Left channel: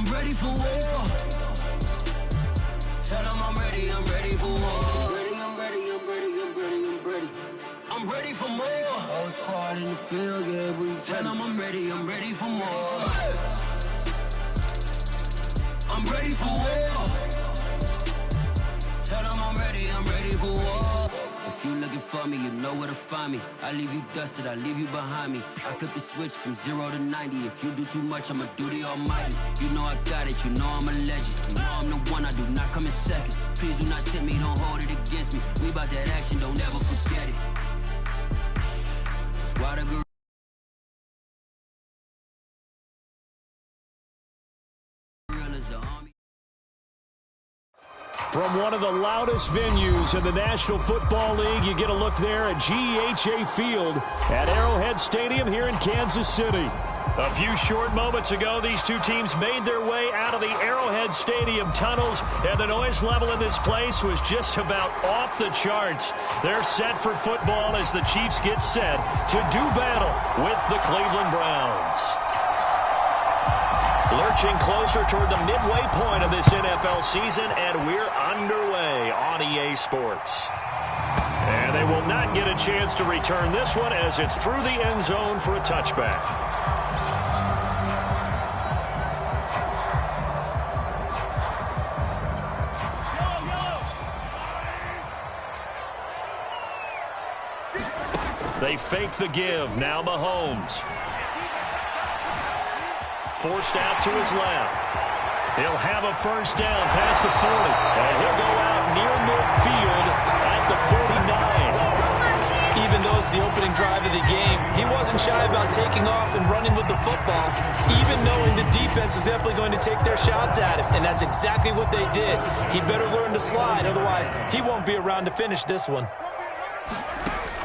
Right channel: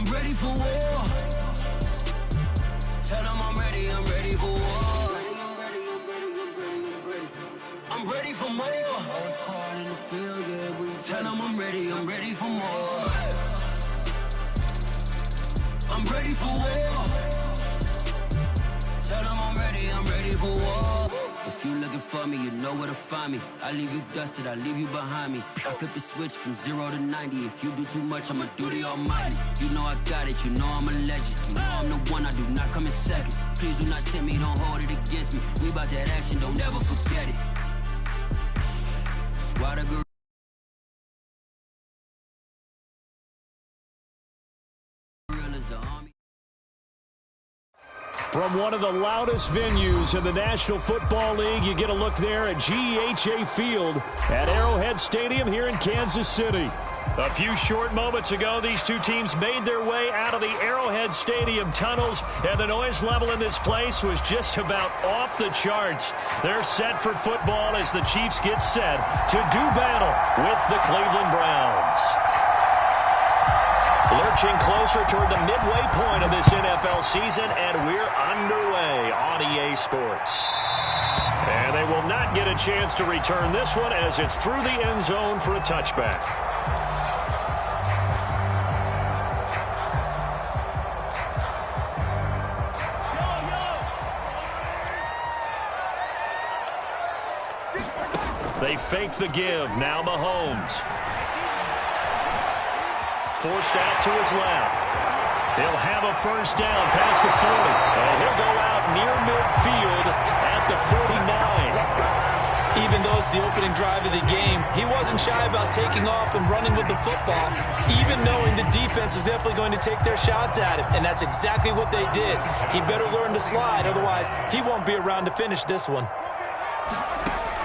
I'm ready for war. Tell them I'm ready for war. I'm ready for more. Whole squad in the field, yeah, we tell them I'm ready for more. I'm ready for war. Tell them I'm ready for war. If you looking for me, you know where to find me. I leave you dusted, I leave you behind me. I flip the switch from 0 to 90. If you do too much, I'ma do the almighty. You know I got it, you know I'm a legend. You know I'm the one, I do not come in second. Please do not tempt me, don't hold it against me. We about that action, don't ever forget it. Squad of gorillas, the army. From one of the loudest venues in the National Football League, you get a look there at GEHA Field at Arrowhead Stadium here in Kansas City. A few short moments ago, these two teams made their way out of the Arrowhead Stadium tunnels, and the noise level in this place was just about off the charts. They're set for football as the Chiefs get set to do battle with the Cleveland Browns. Lurching closer toward the midway point of this NFL season, and we're underway on EA Sports. And they will not get a chance to return this one as it's through the end zone for a touchback. They fake the give. Now Mahomes. Forced out to his left. He'll have a first down past the 40. And he'll go out near midfield at the 49. Even though it's the opening drive of the game, he wasn't shy about taking off and running with the football, even knowing the defense is definitely going to take their shots at him. And that's exactly what they did. He better learn to slide, otherwise he won't be around to finish this one.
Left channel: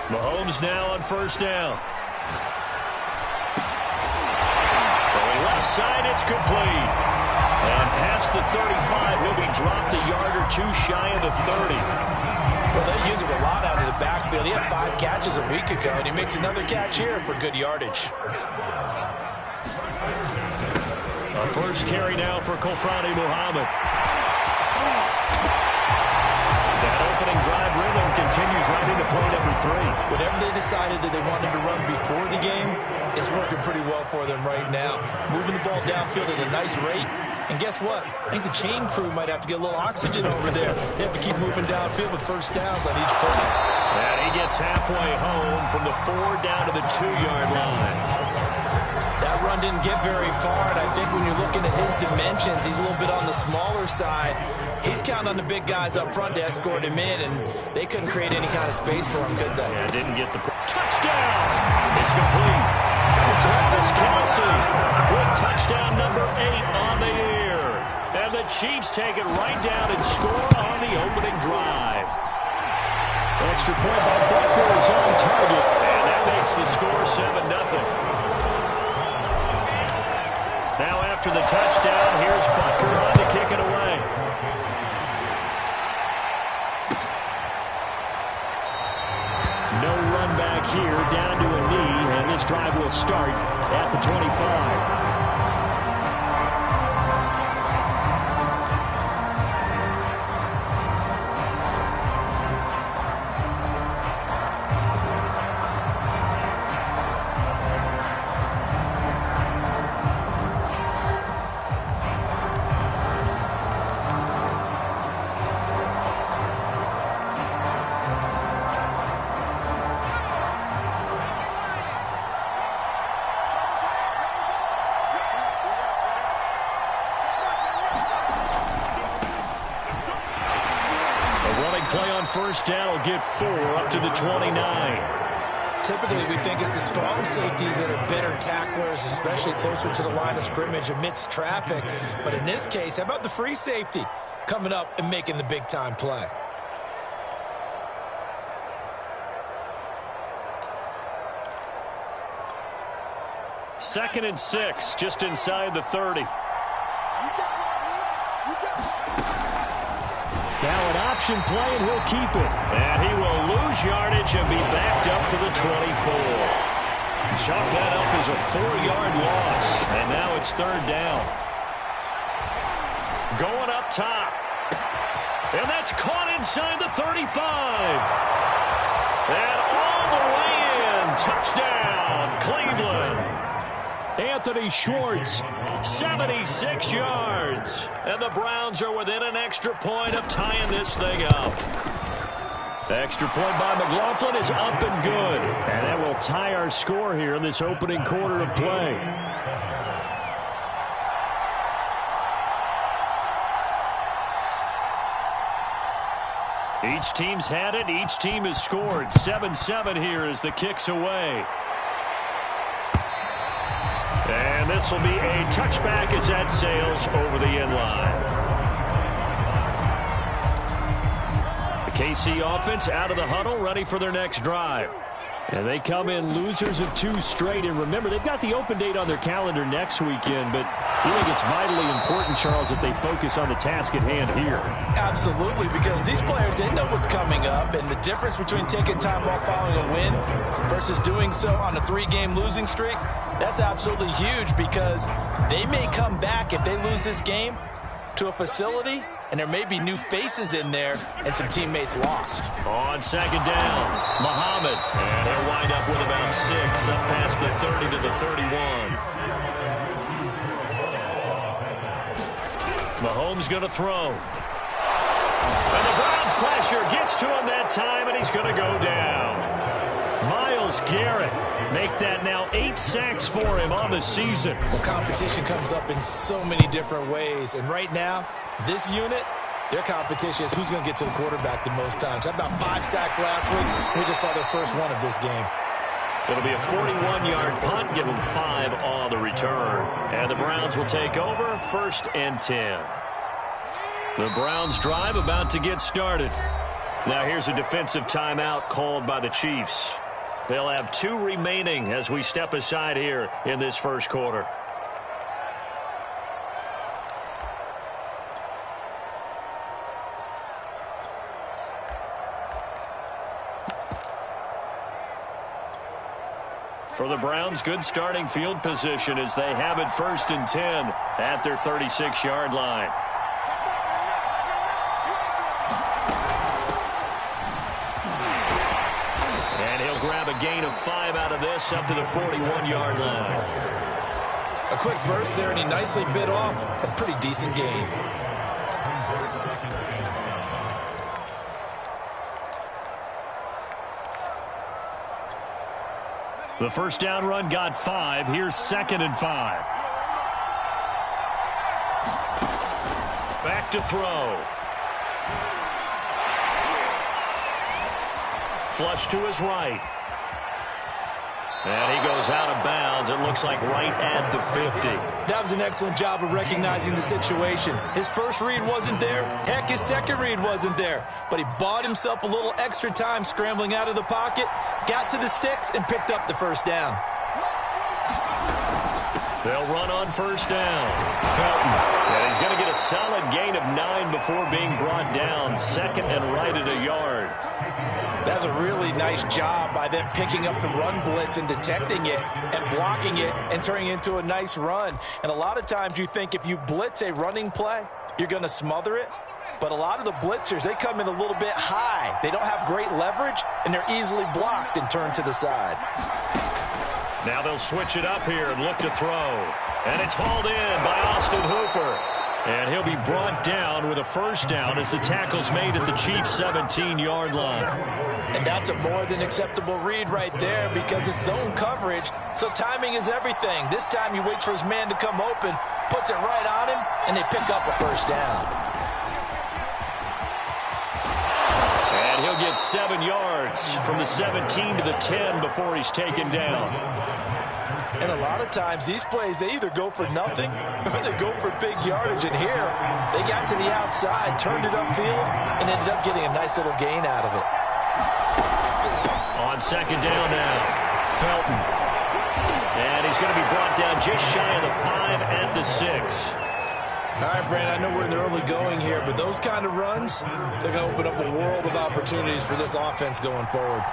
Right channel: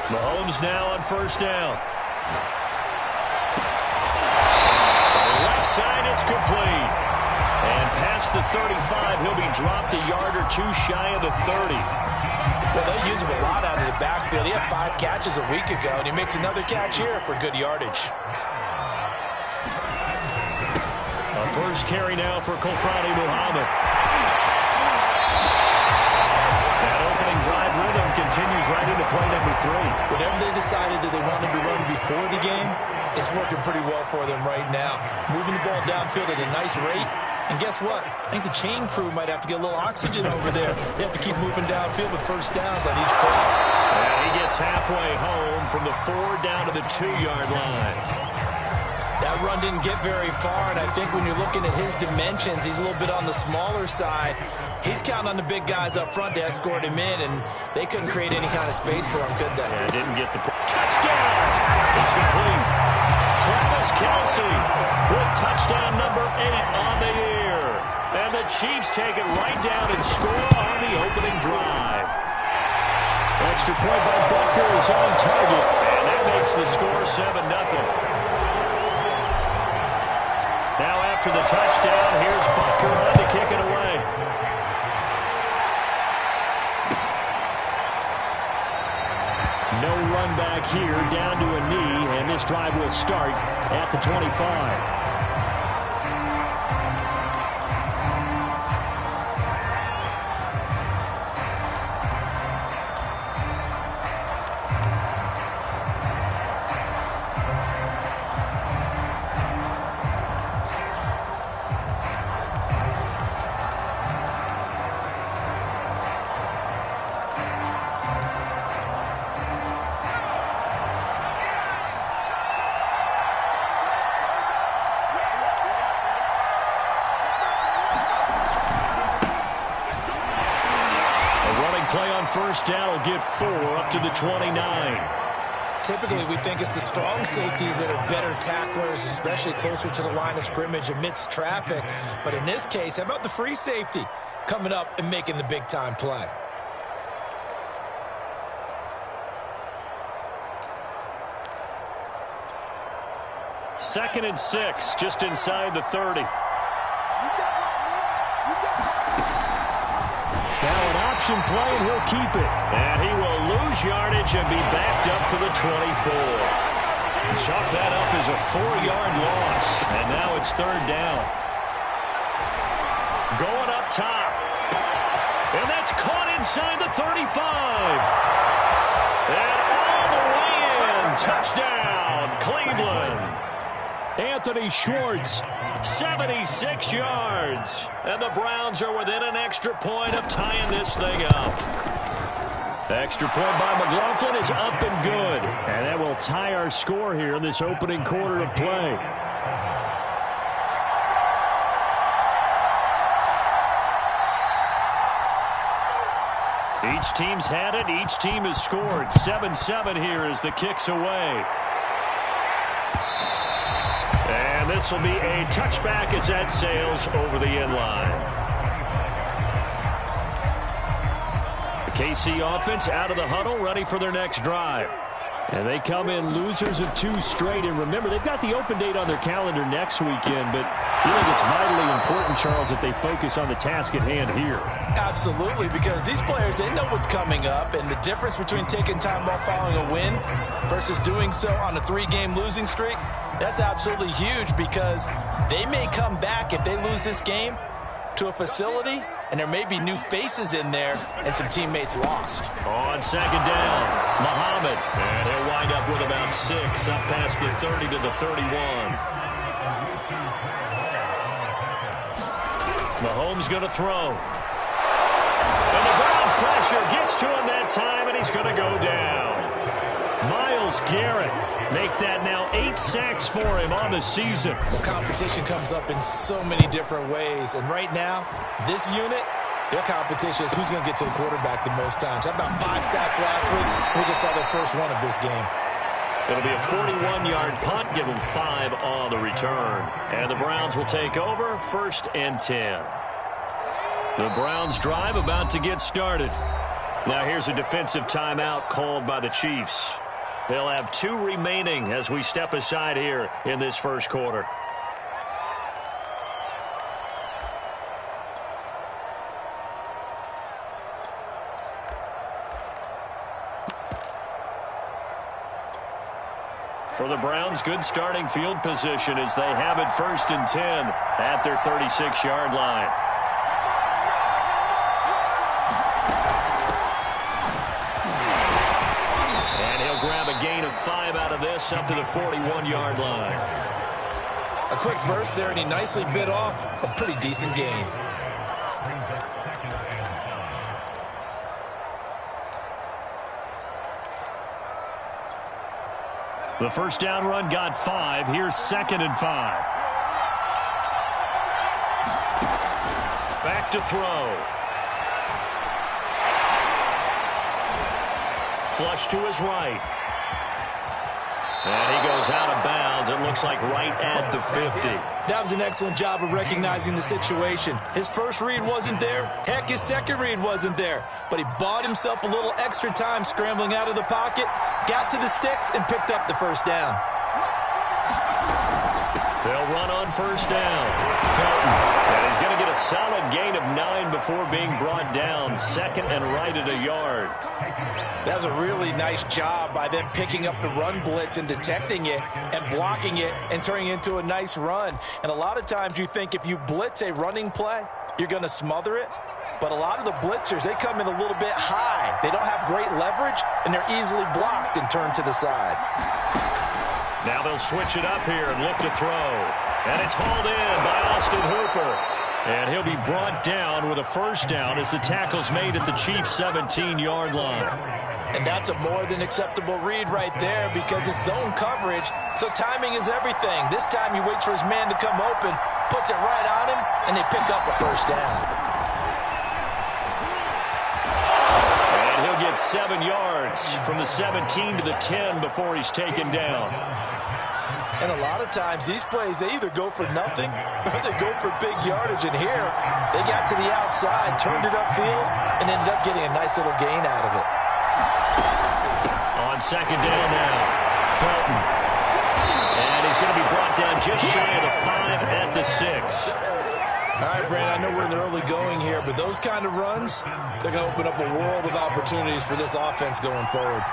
Mahomes now on first down. Left side, it's complete. And past the 35, he'll be dropped a yard or two shy of the 30. Well, they use him a lot out of the backfield. He had 5 catches a week ago, and he makes another catch here for good yardage. A first carry now for Kofrani Muhammad. That opening drive rhythm continues right into play number 3. Whatever they decided that they wanted to run before the game, it's working pretty well for them right now. Moving the ball downfield at a nice rate. And guess what? I think the chain crew might have to get a little oxygen over there. They have to keep moving downfield with first downs on each play. And he gets halfway home from the 4 down to the 2-yard line. That run didn't get very far, and I think when you're looking at his dimensions, he's a little bit on the smaller side. He's counting on the big guys up front to escort him in, and they couldn't create any kind of space for him, could they? Yeah, didn't get the touchdown. It's complete. Travis Kelce with touchdown number 8 on the year. And the Chiefs take it right down and score on the opening drive. Extra point by Butker is on target, and that makes the score 7-0. Now after the touchdown, here's Butker on to kick it away. No run back here, down to a knee, and this drive will start at the 25. Play on first down will get 4 up to the 29. Typically, we think it's the strong safeties that are better tacklers, especially closer to the line of scrimmage amidst traffic. But in this case, how about the free safety coming up and making the big-time play? Second and 6, just inside the 30. Now an option play, and he'll keep it. And he will lose yardage and be backed up to the 24. Chalk that up as a 4-yard loss. And now it's 3rd down. going up top. And that's caught inside the 35. And all the way in. Touchdown, Cleveland. Anthony Schwartz, 76 yards. And the Browns are within an extra point of tying this thing up. The extra point by McLaughlin is up and good. And that will tie our score here in this opening quarter of play. Each team's had it. Each team has scored. 7-7 here as the kick's away. And this will be a touchback as that sails over the end line. The KC offense out of the huddle, ready for their next drive. And they come in losers of 2 straight. And remember, they've got the open date on their calendar next weekend, but I think it's vitally important, Charles, that they focus on the task at hand here. Absolutely, because these players, they know what's coming up, and the difference between taking time off following a win versus doing so on a 3-game losing streak, that's absolutely huge, because they may come back if they lose this game to a facility, and there may be new faces in there and some teammates lost. On second down, Muhammad, and he'll wind up with about 6, up past the 30 to the 31. Mahomes going to throw. And the Browns pressure gets to him that time, and he's going to go down. Myles Garrett make that now 8 sacks for him on the season. Well, competition comes up in so many different ways, and right now, this unit, their competition is who's going to get to the quarterback the most times. How about 5 sacks last week? We just saw their first one of this game. It'll be a 41-yard punt, give them 5 on the return. And the Browns will take over, 1st and 10. The Browns drive about to get started. Now here's a defensive timeout called by the Chiefs. They'll have 2 remaining as we step aside here in this first quarter. For the Browns, good starting field position as they have it 1st and 10 at their 36-yard line. And he'll grab a gain of 5 out of this up to the 41-yard line. A quick burst there, and he nicely bit off a pretty decent gain. The first down run got 5. Here's 2nd and 5. Back to throw. Flush to his right. And he goes out of bounds. It looks like right at the 50. That was an excellent job of recognizing the situation. His first read wasn't there. Heck, his second read wasn't there. But he bought himself a little extra time scrambling out of the pocket, got to the sticks, and picked up the first down. They'll run on first down. Felton. And he's going to get a solid gain of 9 before being brought down. 2nd and right at a yard. That was a really nice job by them picking up the run blitz and detecting it and blocking it and turning it into a nice run. And a lot of times you think if you blitz a running play, you're going to smother it. But a lot of the blitzers, they come in a little bit high. They don't have great leverage, and they're easily blocked and turned to the side. Now they'll switch it up here and look to throw. And it's hauled in by Austin Hooper. And he'll be brought down with a first down as the tackle's made at the Chiefs' 17-yard line. And that's a more than acceptable read right there because it's zone coverage, so timing is everything. This time he waits for his man to come open, puts it right on him, and they pick up a first down. And he'll get 7 yards from the 17 to the 10 before he's taken down. And a lot of times these plays, they either go for nothing or they go for big yardage. And here, they got to the outside, turned it upfield, and ended up getting a nice little gain out of it. On second down now, Felton. And he's going to be brought down just shy of the 5 at the 6. All right, Brandon, I know we're in the early going here, but those kind of runs, they're going to open up a world of opportunities for this offense going forward.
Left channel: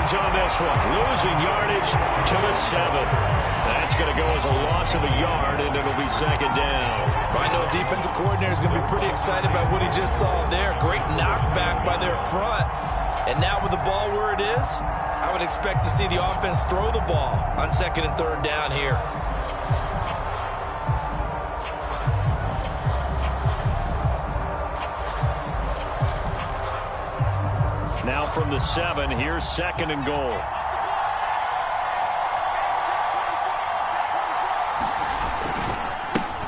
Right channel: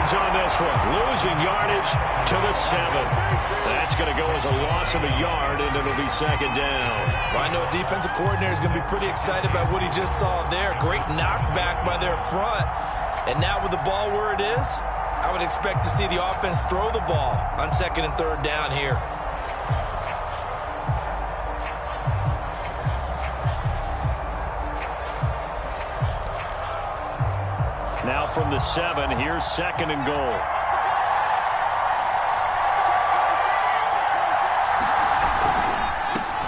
yards on this one. Losing yardage to the 7. That's going to go as a loss of a yard, and it'll be second down. Well, I know a defensive coordinator is going to be pretty excited about what he just saw there. Great knockback by their front. And now with the ball where it is, I would expect to see the offense throw the ball on second and third down here. Now from the 7, here's second and goal.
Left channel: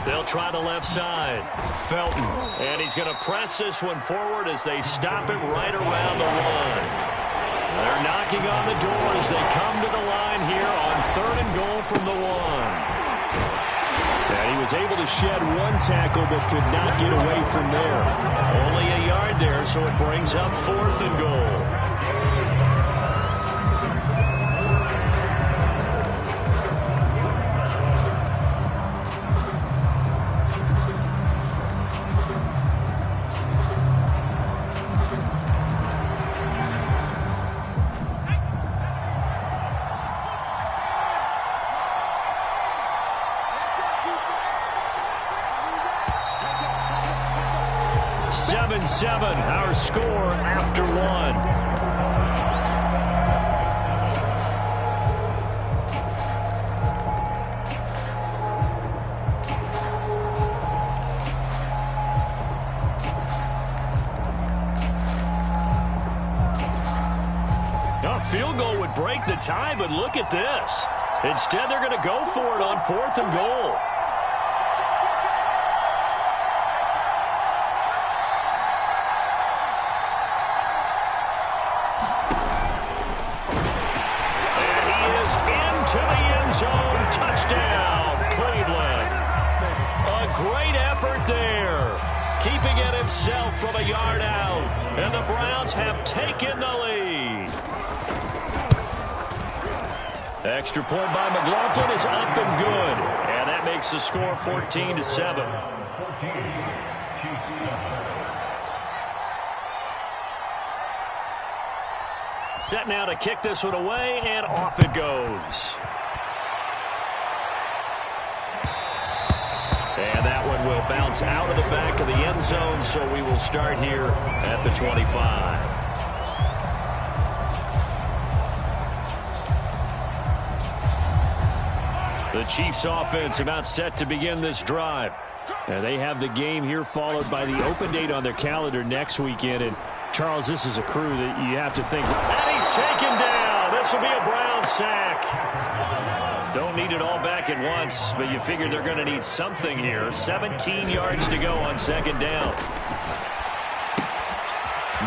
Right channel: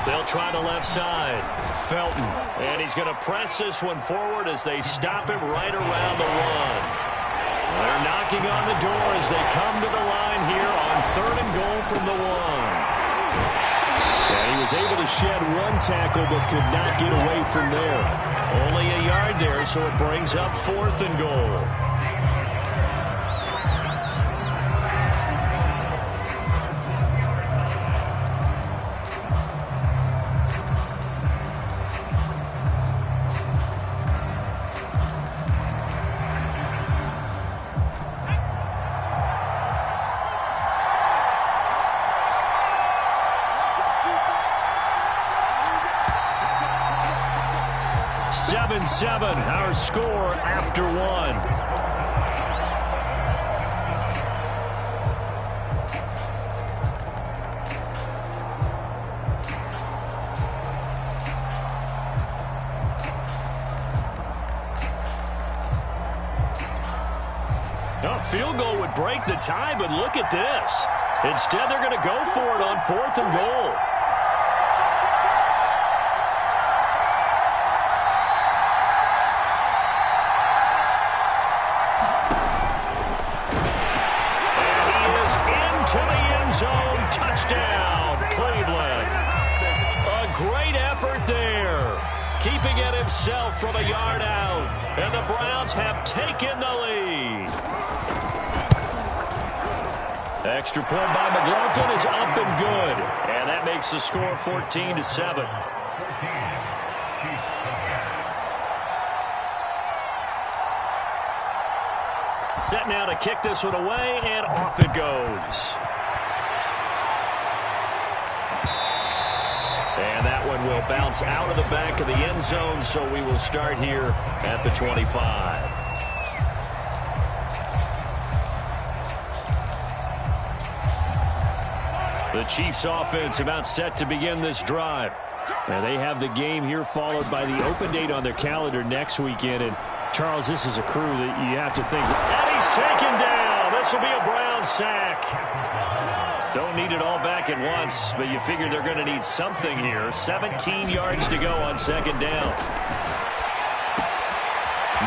They'll try the left side. Felton. And he's going to press this one forward as they stop him right around the 1. They're knocking on the door as they come to the line here on third and goal from the 1. And he was able to shed one tackle but could not get away from there. Only a yard there, so it brings up fourth and goal. Our score after 1. A field goal would break the tie, but look at this. Instead, they're going to go for it on fourth and goal. To the end zone, touchdown, Cleveland. A great effort there, keeping it himself from a yard out, and the Browns have taken the lead. Extra point by McLaughlin is up and good, and that makes the score 14-7. Set now to kick this one away, and off it goes. And that one will bounce out of the back of the end zone, so we will start here at the 25. The Chiefs offense about set to begin this drive. And they have the game here followed by the open date on their calendar next weekend. And Charles, this is a crew that you have to think. And he's taken down. This will be a Brown sack. Don't need it all back at once, but you figure they're going to need something here. 17 yards to go on second down.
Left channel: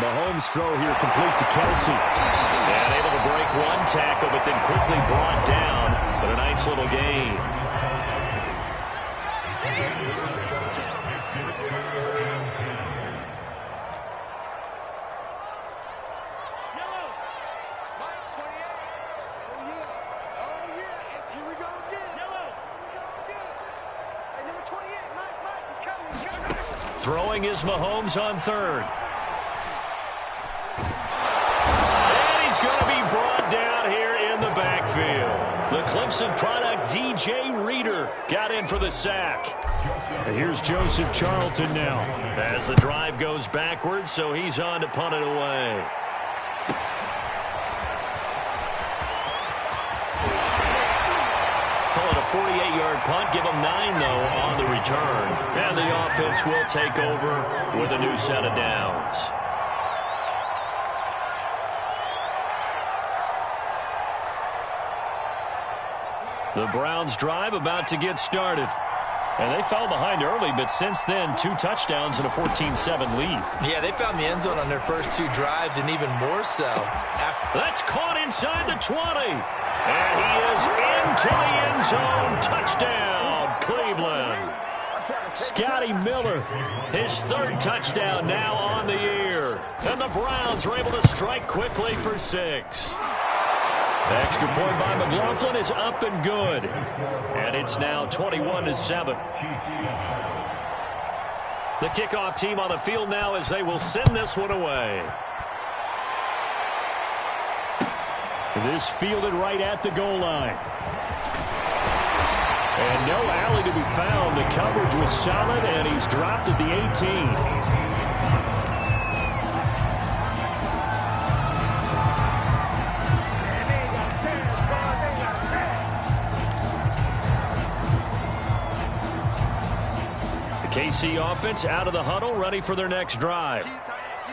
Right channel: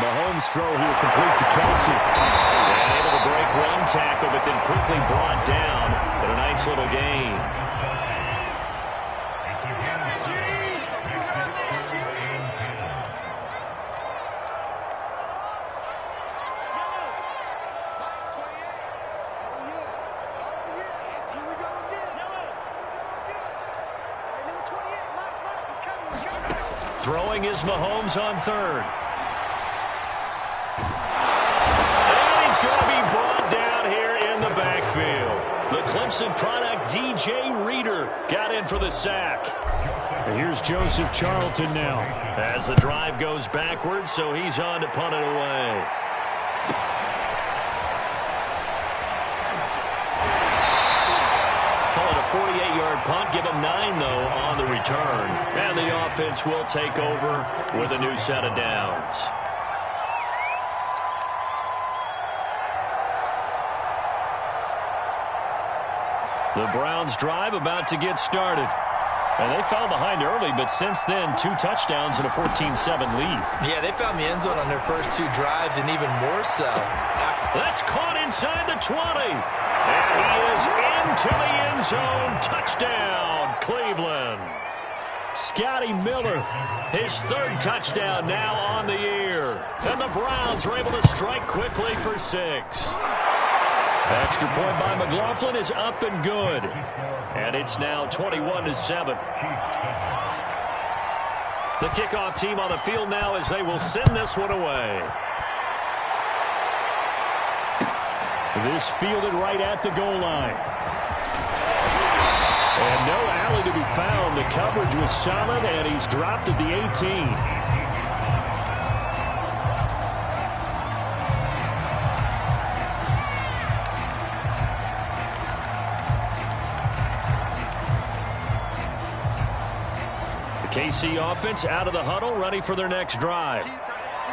Mahomes' throw here complete to Kelsey. And able to break one tackle, but then quickly brought down. But a nice little gain. Throwing is Mahomes on third. And he's going to be brought down here in the backfield. The Clemson product, DJ Reader, got in for the sack. And here's Joseph Charlton now. As the drive goes backwards, so he's on to punt it away. Call it a 48-yard punt. Give them 9, though, on the return. And the offense will take over with a new set of downs. The Browns drive about to get started. And they fell behind early, but since then, 2 touchdowns and a 14-7 lead. Yeah, they found the end zone on their first 2 drives, and even more so. That's caught inside the 20. And he is into the end zone. Touchdown, Cleveland. Scotty Miller, his 3rd touchdown now on the year. And the Browns are able to strike quickly for 6. Extra point by McLaughlin is up and good. And it's now 21-7. The kickoff team on the field now as they will send this one away. This fielded right at the goal line. And no alley to be found. The coverage was solid, and he's dropped at the 18. The KC offense out of the huddle, ready for their next drive.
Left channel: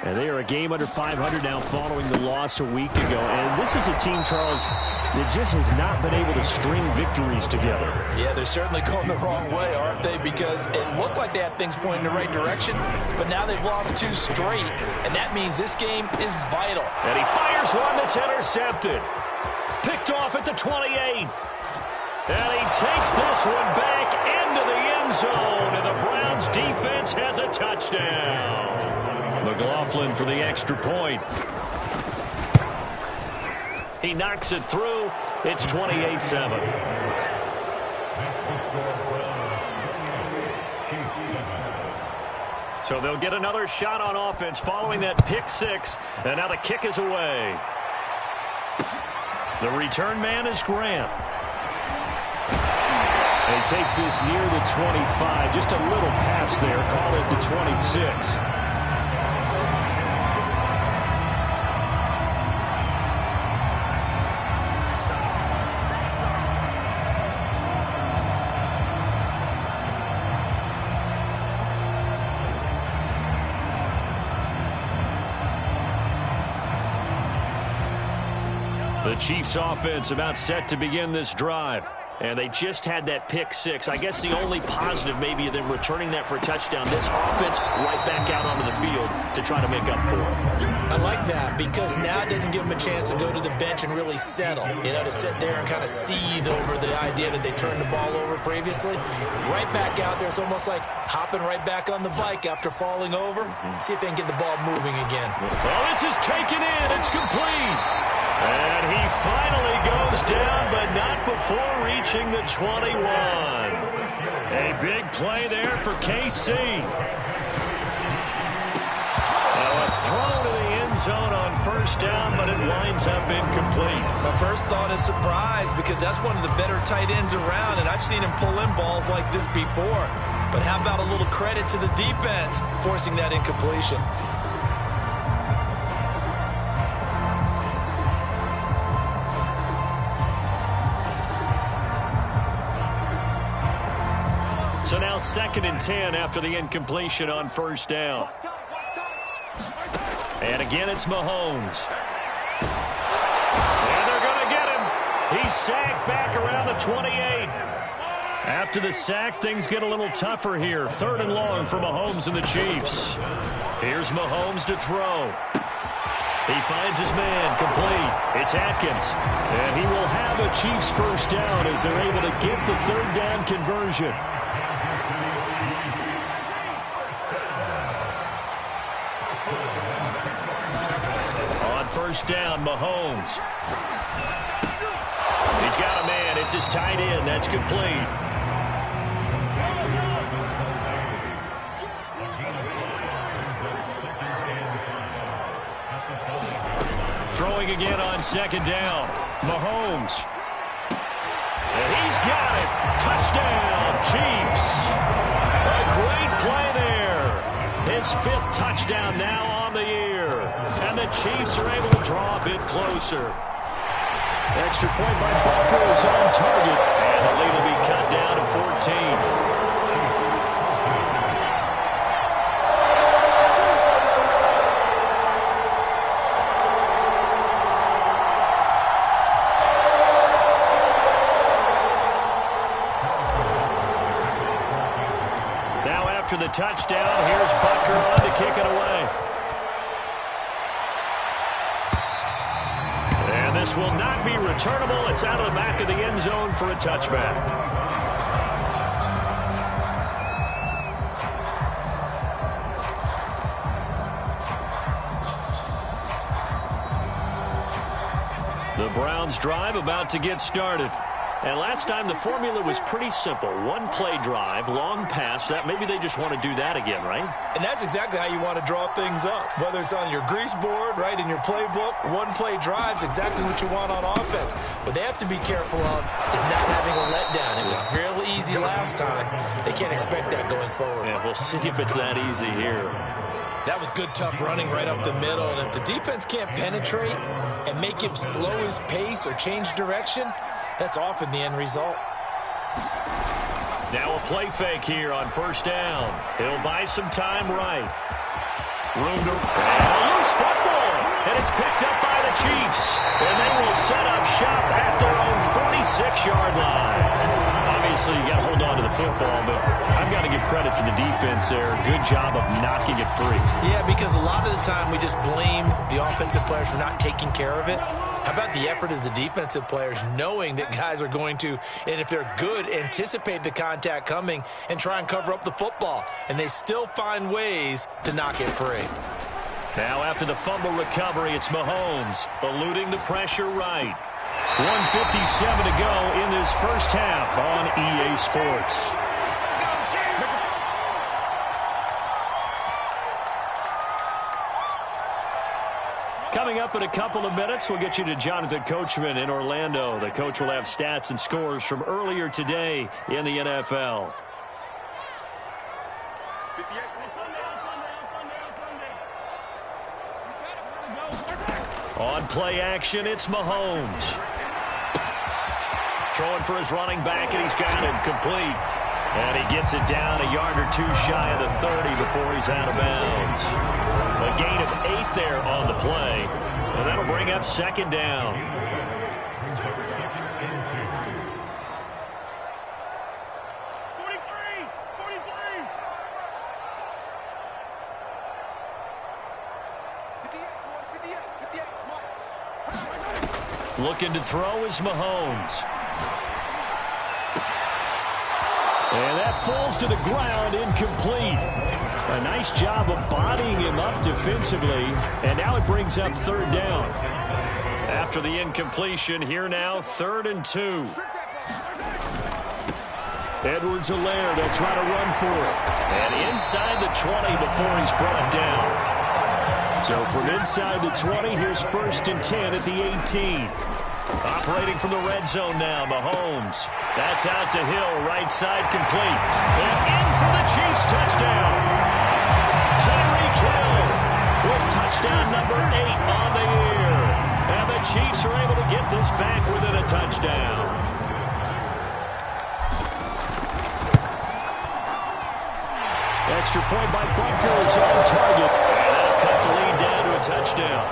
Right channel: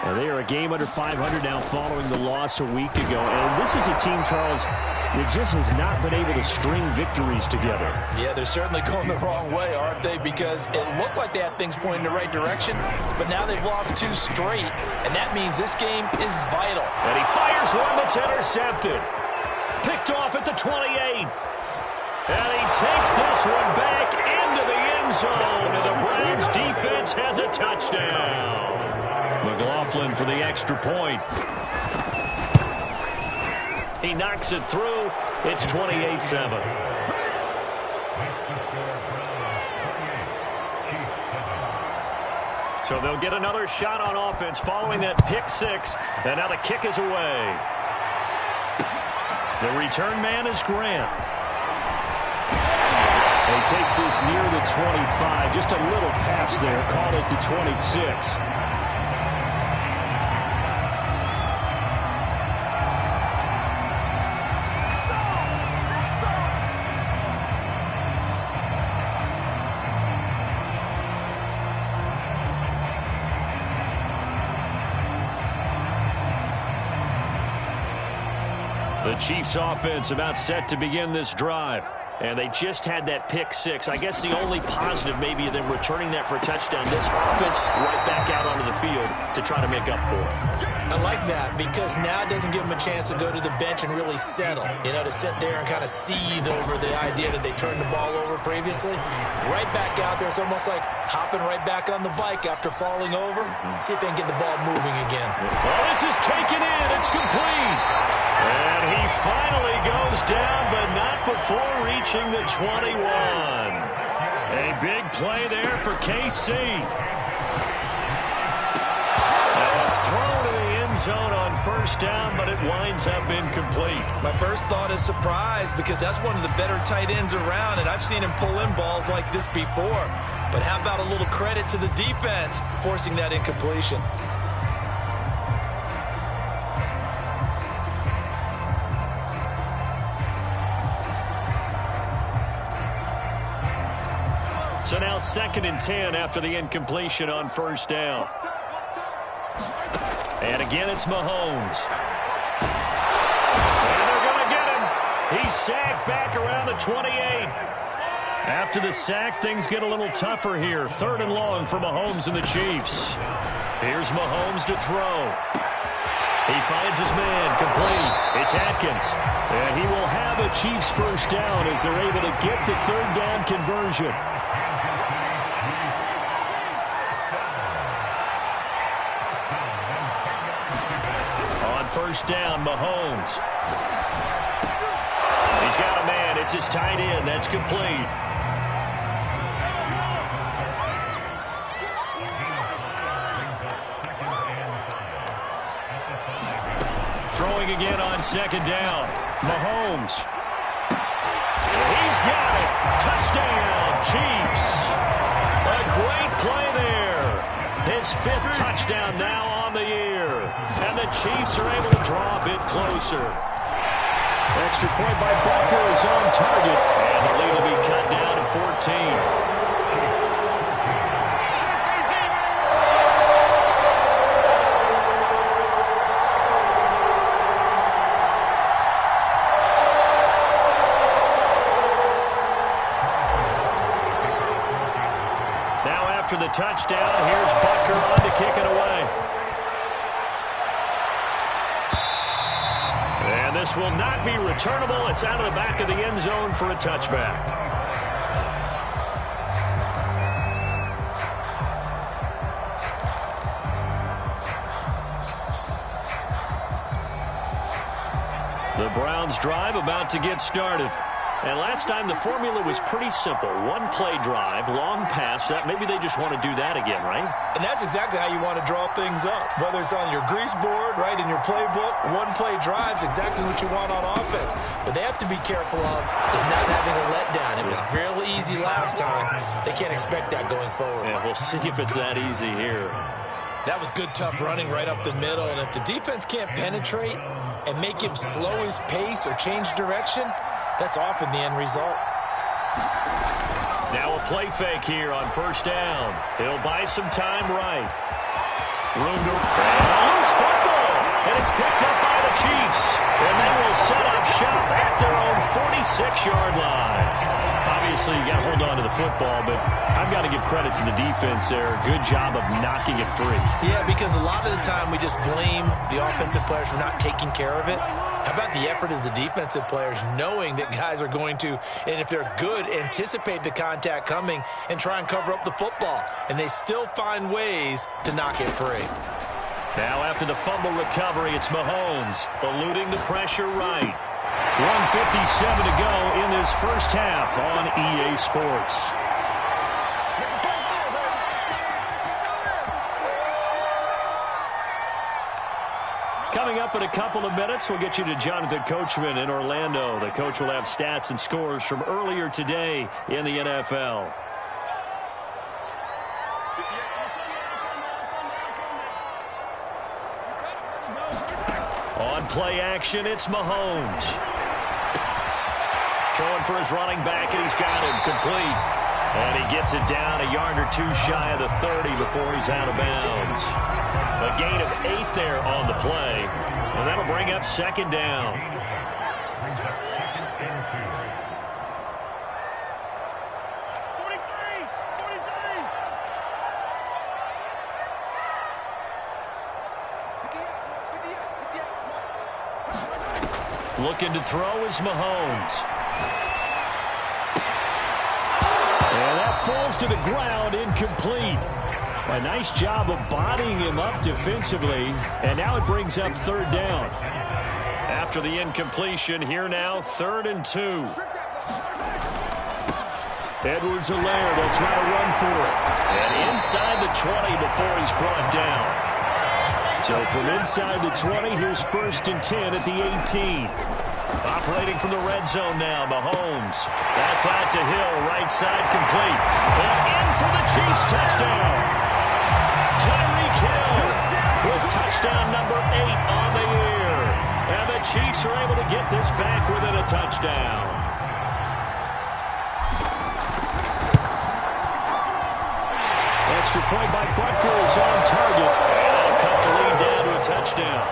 And they are a game under 500 now following the loss a week ago. And this is a team, Charles, that just has not been able to string victories together. Yeah, they're certainly going the wrong way, aren't they? Because it looked like they had things pointing in the right direction, but now they've lost 2 straight, and that means this game is vital. And he fires one that's intercepted. Picked off at the 28. And he takes this one back into the end zone, and the Browns defense has a touchdown. McLaughlin for the extra point. He knocks it through. It's 28-7. So they'll get another shot on offense following that pick 6. And now the kick is away. The return man is Grant. And he takes this near the 25. Just a little pass there. Call it the 26. The Chiefs offense about set to begin this drive. And they just had that pick 6. I guess the only positive maybe of them returning that for a touchdown. This offense right back out onto the field to try to make up for it. I like that because now it doesn't give them a chance to go to the bench and really settle. You know, to sit there and kind of seethe over the idea that they turned the ball over previously. Right back out there. It's almost like hopping right back on the bike after falling over. See if they can get the ball moving again. Well, this is taken in. It's complete. And he finally goes down, but not before reaching the 21. A big play there for KC. Now a throw to the end zone on first down, but it winds up incomplete. My first thought is surprise because that's one of the better tight ends around, and I've seen him pull in balls like this before. But how about a little credit to the defense forcing that incompletion? So now 2nd and 10 after the incompletion on first down. And again, it's Mahomes. And they're going to get him. He's sacked back around the 28. After the sack, things get a little tougher here. 3rd and long for Mahomes and the Chiefs. Here's Mahomes to throw. He finds his man, complete. It's Atkins. And he will have a Chiefs first down as they're able to get the 3rd down conversion. On first down, Mahomes. He's got a man. It's his tight end. That's complete. Throwing again on 2nd down. Mahomes. And he's got it. Touchdown, Chiefs. A great play there. His 5th touchdown now on the year. And the Chiefs are able to draw a bit closer. Extra point by Butker is on target. And the lead will be cut down to 14. Now after the touchdown, here's Butker on to kick it away. And this will not be returnable. It's out of the back of the end zone for a touchback. The Browns drive about to get started. And last time the formula was pretty simple. One play drive, long pass. That maybe they just want to do that again, right? And that's exactly how you want to draw things up. Whether it's on your grease board, right, in your playbook, one play drive's exactly what you want on offense. What they have to be careful of is not having a letdown. It was real easy last time. They can't expect that going forward. Yeah, we'll see if it's that easy here. That was good, tough running right up the middle. And if the defense can't penetrate and make him slow his pace or change direction, that's often the end result. Now a play fake here on first down. He'll buy some time right. Room to... And a loose football. And it's picked up by the Chiefs. And they will set up shop at their own 46-yard line. Obviously, you got to hold on to the football, but I've got to give credit to the defense there. Good job of knocking it free. Yeah, because a lot of the time we just blame the offensive players for not taking care of it. How about the effort of the defensive players knowing that guys are going to, and if they're good, anticipate the contact coming and try and cover up the football. And they still find ways to knock it free. Now after the fumble recovery, it's Mahomes eluding the pressure right. 1:57 to go in this first half on EA Sports. Coming up in a couple of minutes, we'll get you to Jonathan Coachman in Orlando. The coach will have stats and scores from earlier today in the NFL. On play action, it's Mahomes. Throwing for his running back, and he's got him complete. And he gets it down a yard or two shy of the 30 before he's out of bounds. A gain of 8 there on the play, and that'll bring up second down. Looking to throw is Mahomes. And that falls to the ground, incomplete. A nice job of bodying him up defensively, and now it brings up third down. After the incompletion, here now, 3rd and 2. Edwards-Helaire, they'll try to run for it. And inside the 20 before he's brought down. So from inside the 20, here's 1st and 10 at the 18. Operating from the red zone now, Mahomes. That's out to Hill, right side complete. And in for the Chiefs touchdown. Tyreek Hill with touchdown number 8 on the year. And the Chiefs are able to get this back within a touchdown. Extra point by Butker is on target. And that'll cut the lead down to a touchdown.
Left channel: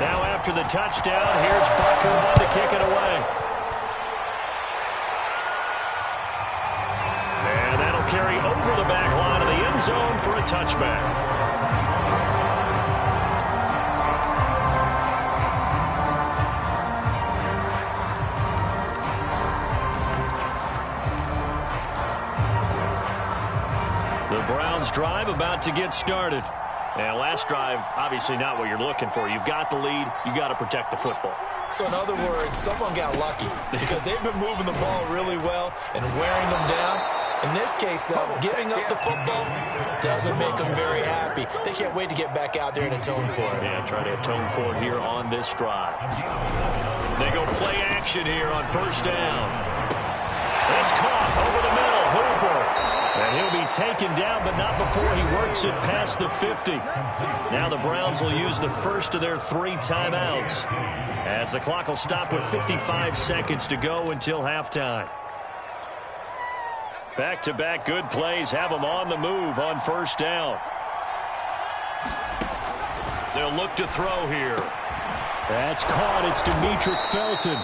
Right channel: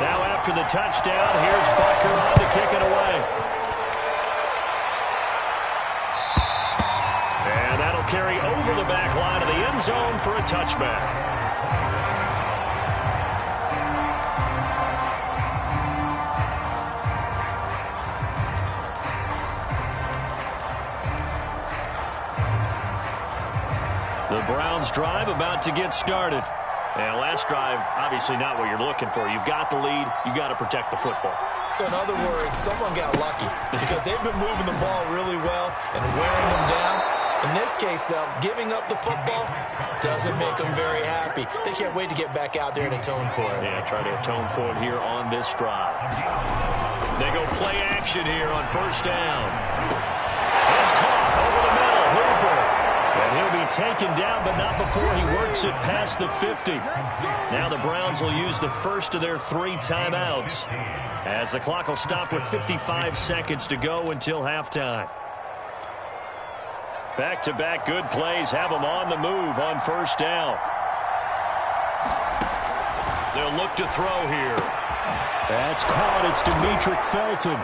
Now after the touchdown, here's Butker on to kick it away. And that'll carry over the back line of the end zone for a touchback. The Browns drive about to get started. And last drive, obviously not what you're looking for. You've got the lead. You got to protect the football. So in other words, someone got lucky because they've been moving the ball really well and wearing them down. In this case, though, giving up the football doesn't make them very happy. They can't wait to get back out there and atone for it. Yeah, try to atone for it here on this drive. They go play action here on first down. It's caught over the middle. Hooper. And he'll be taken down, but not before he works it past the 50. Now the Browns will use the first of their 3 timeouts as the clock will stop with 55 seconds to go until halftime. Back-to-back good plays have them on the move on first down. They'll look to throw here. That's caught. It's Demetric Felton.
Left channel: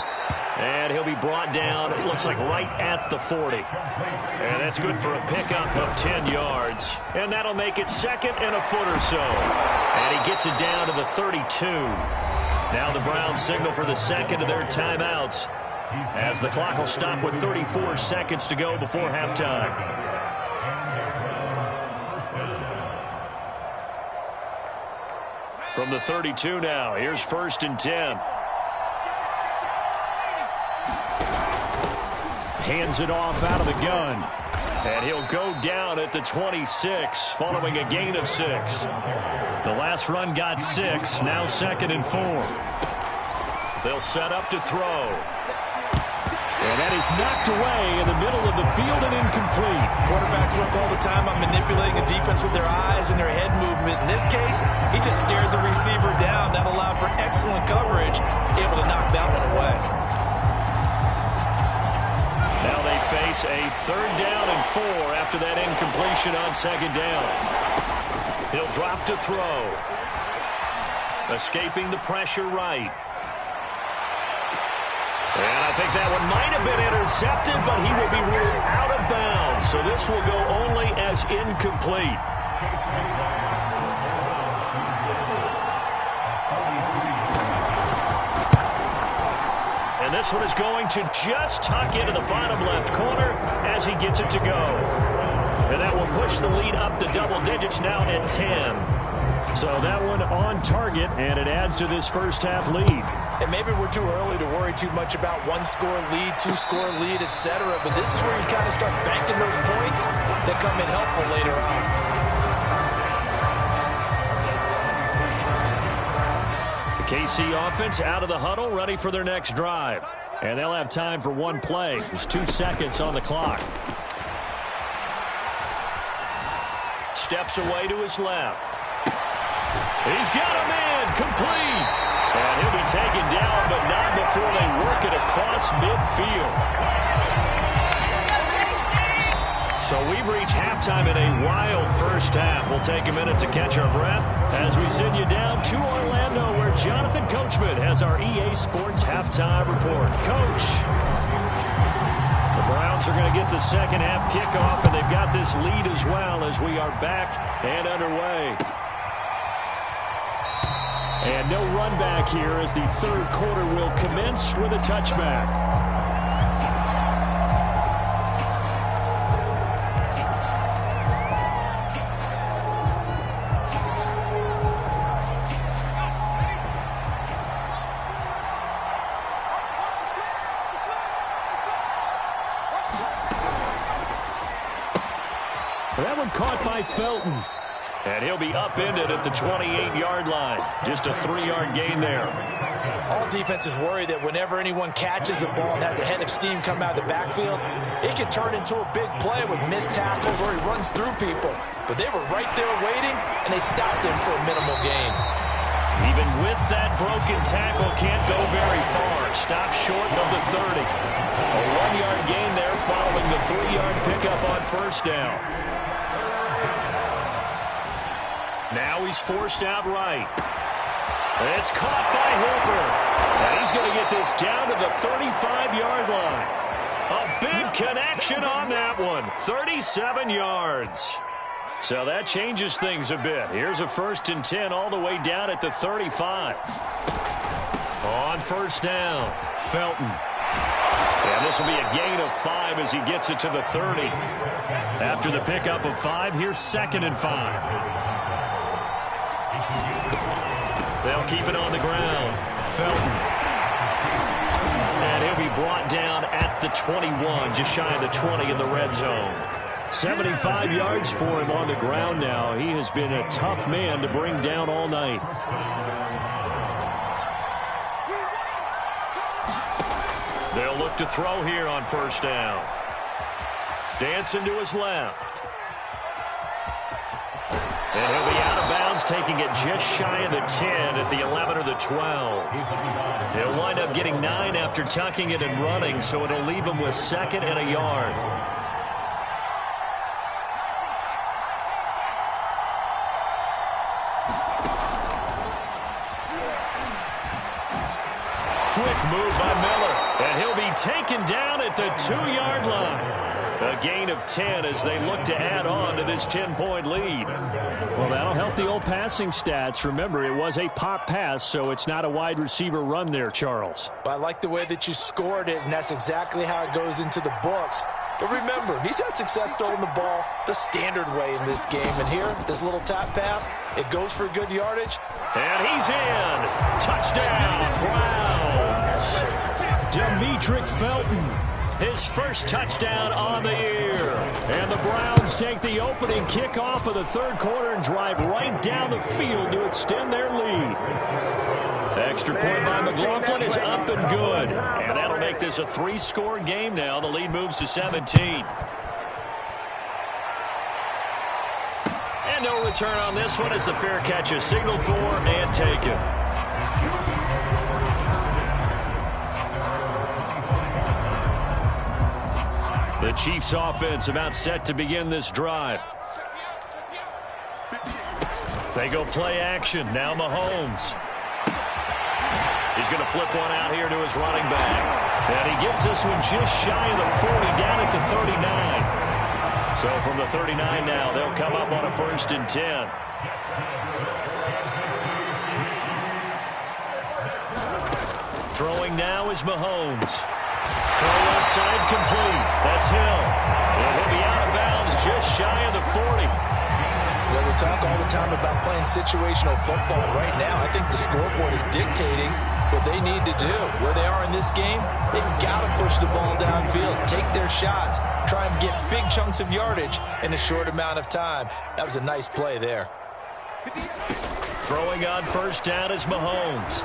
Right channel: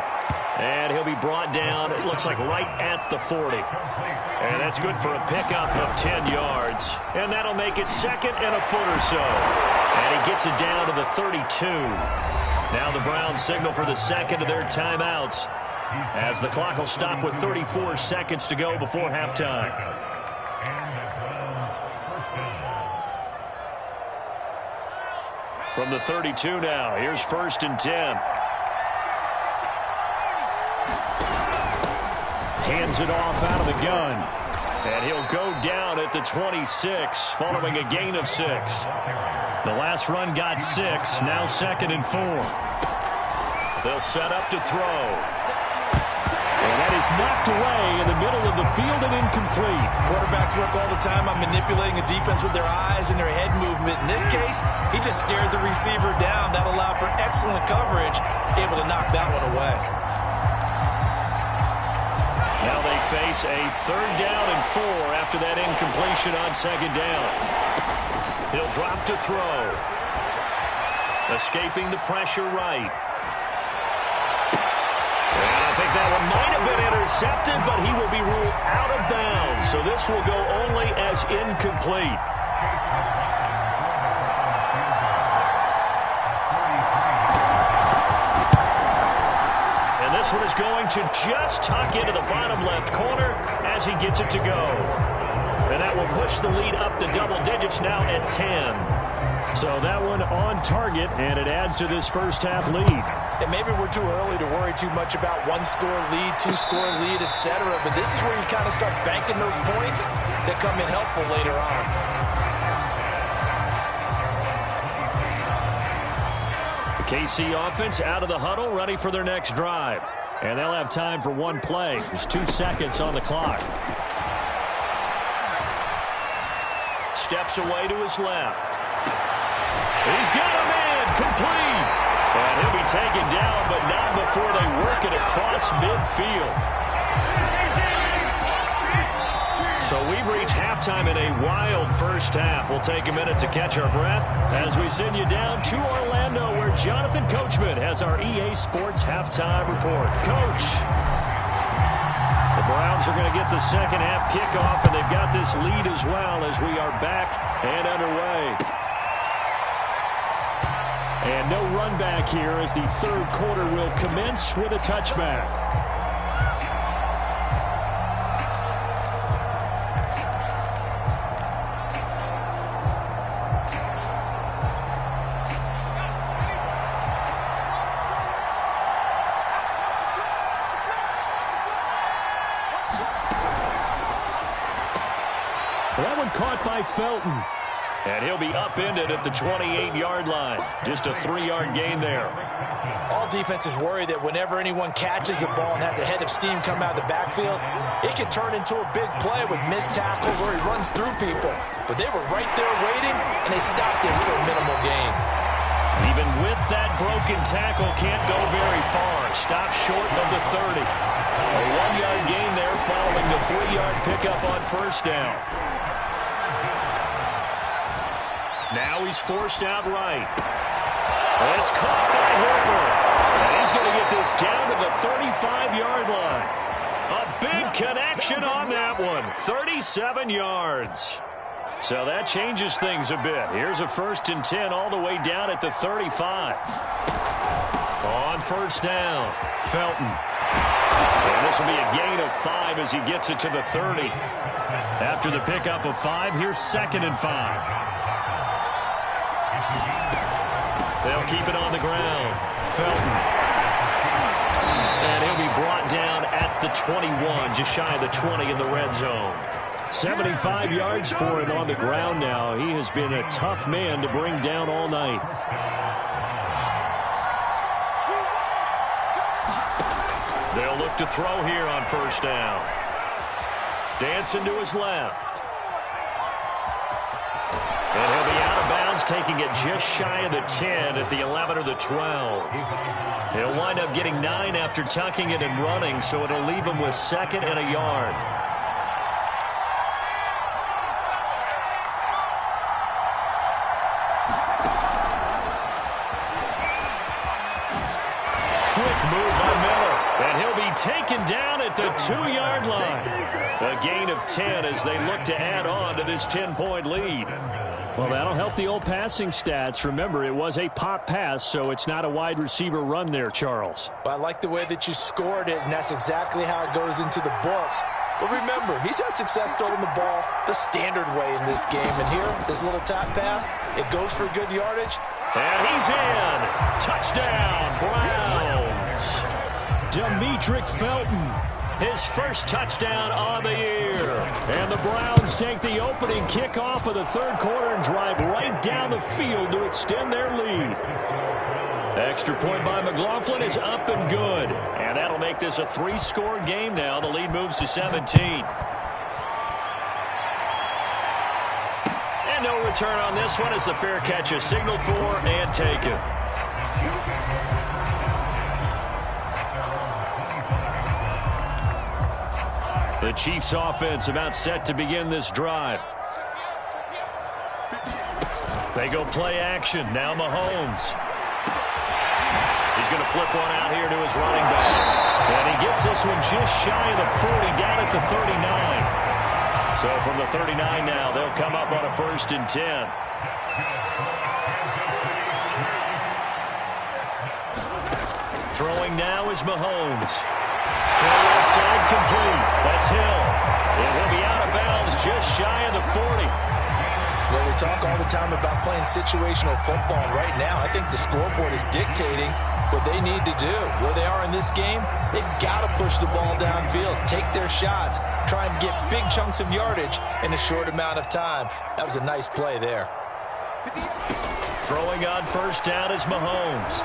And he'll be brought down, it looks like right at the 40. And that's good for a pickup of 10 yards. And that'll make it 2nd and a foot or so. And he gets it down to the 32. Now the Browns signal for the second of their timeouts as the clock will stop with 34 seconds to go before halftime. From the 32 now, here's 1st and 10. hands it off out of the gun. And he'll go down at the 26 following a gain of 6. The last run got 6, now 2nd and 4. They'll set up to throw. And that is knocked away in the middle of the field and incomplete. Quarterbacks work all the time on manipulating a defense with their eyes and their head movement. In this case, he just stared the receiver down. That allowed for excellent coverage, able to knock that one away. Now they face a 3rd down and 4 after that incompletion on 2nd down. He'll drop to throw. Escaping the pressure right. And I think that one might have been intercepted, but he will be ruled out of bounds. So this will go only as incomplete. And this one is going to just tuck into the bottom left corner as he gets it to go. And that will push the lead up to double digits now at 10. So that one on target, and it adds to this first half lead. And maybe we're too early to worry too much about 1-score lead, 2-score lead, etc. But this is where you kind of start banking those points that come in helpful later on. The KC offense out of the huddle, ready for their next drive. And they'll have time for one play. There's 2 seconds on the clock. Steps away to his left. He's got him in, complete. And he'll be taken down, but not before they work it across midfield. So we've reached halftime in a wild first half. We'll take a minute to catch our breath as we send you down to Orlando, where Jonathan Coachman has our EA Sports halftime report. Coach, the Browns are going to get the second half kickoff, and they've got this lead as well as we are back and underway. And no run back here as the 3rd quarter will commence with a touchback. That one caught by Felton. And he'll be upended at the 28-yard line. Just a 3-yard gain there. All defenses worry that whenever anyone catches the ball and has a head of steam come out of the backfield, it can turn into a big play with missed tackles or he runs through people. But they were right there waiting, and they stopped him for a minimal gain. Even with that broken tackle, can't go very far. Stopped short of the 30. A 1-yard gain there following the 3-yard pickup on 1st down. Now he's forced out right. It's caught by Hooper. And he's going to get this down to the 35-yard line. A big connection on that one. 37 yards. So that changes things a bit. Here's a 1st and 10 all the way down at the 35. On 1st down, Felton. And this will be a gain of 5 as he gets it to the 30. After the pickup of 5, here's 2nd and 5. They'll keep it on the ground. Felton. And he'll be brought down at the 21, just shy of the 20 in the red zone. 75 yards for him on the ground now. He has been a tough man to bring down all night. They'll look to throw here on 1st down. Dancing to his left. And he'll be out of bounds, taking it just shy of the 10 at the 11 or the 12. He'll wind up getting 9 after tucking it and running, so it'll leave him with 2nd and a yard. Quick move by Miller, and he'll be taken down at the 2-yard line. A gain of 10 as they look to add on to this 10-point lead. Well, that'll help the old passing stats. Remember, it was a pop pass, so it's not a wide receiver run there, Charles. Well, I like the way that you scored it, and that's exactly how it goes into the books. But remember, he's had success throwing the ball the standard way in this game. And here, this little tap pass, it goes for good yardage. And he's in. Touchdown, Browns. Demetric Felton his first touchdown on the year. And the Browns take the opening kickoff of the third quarter and drive right down the field to extend their lead. Extra point by McLaughlin is up and good. And that'll make this a 3-score game now. The lead moves to 17. And no return on this one as the fair catch is signaled for and taken. The Chiefs offense about set to begin this drive. They go play action. Now Mahomes. He's going to flip one out here to his running back. And he gets this one just shy of the 40, down at the 39. So from the 39 now, they'll come up on a 1st and 10. Throwing now is Mahomes. Throw left side complete. That's Hill. And he'll be out of bounds just shy of the 40. Well, we talk all the time about playing situational football. Right now, I think the scoreboard is dictating what they need to do. Where they are in this game, they've got to push the ball downfield, take their shots, try and get big chunks of yardage in a short amount of time. That was a nice play there. Throwing on 1st down is Mahomes.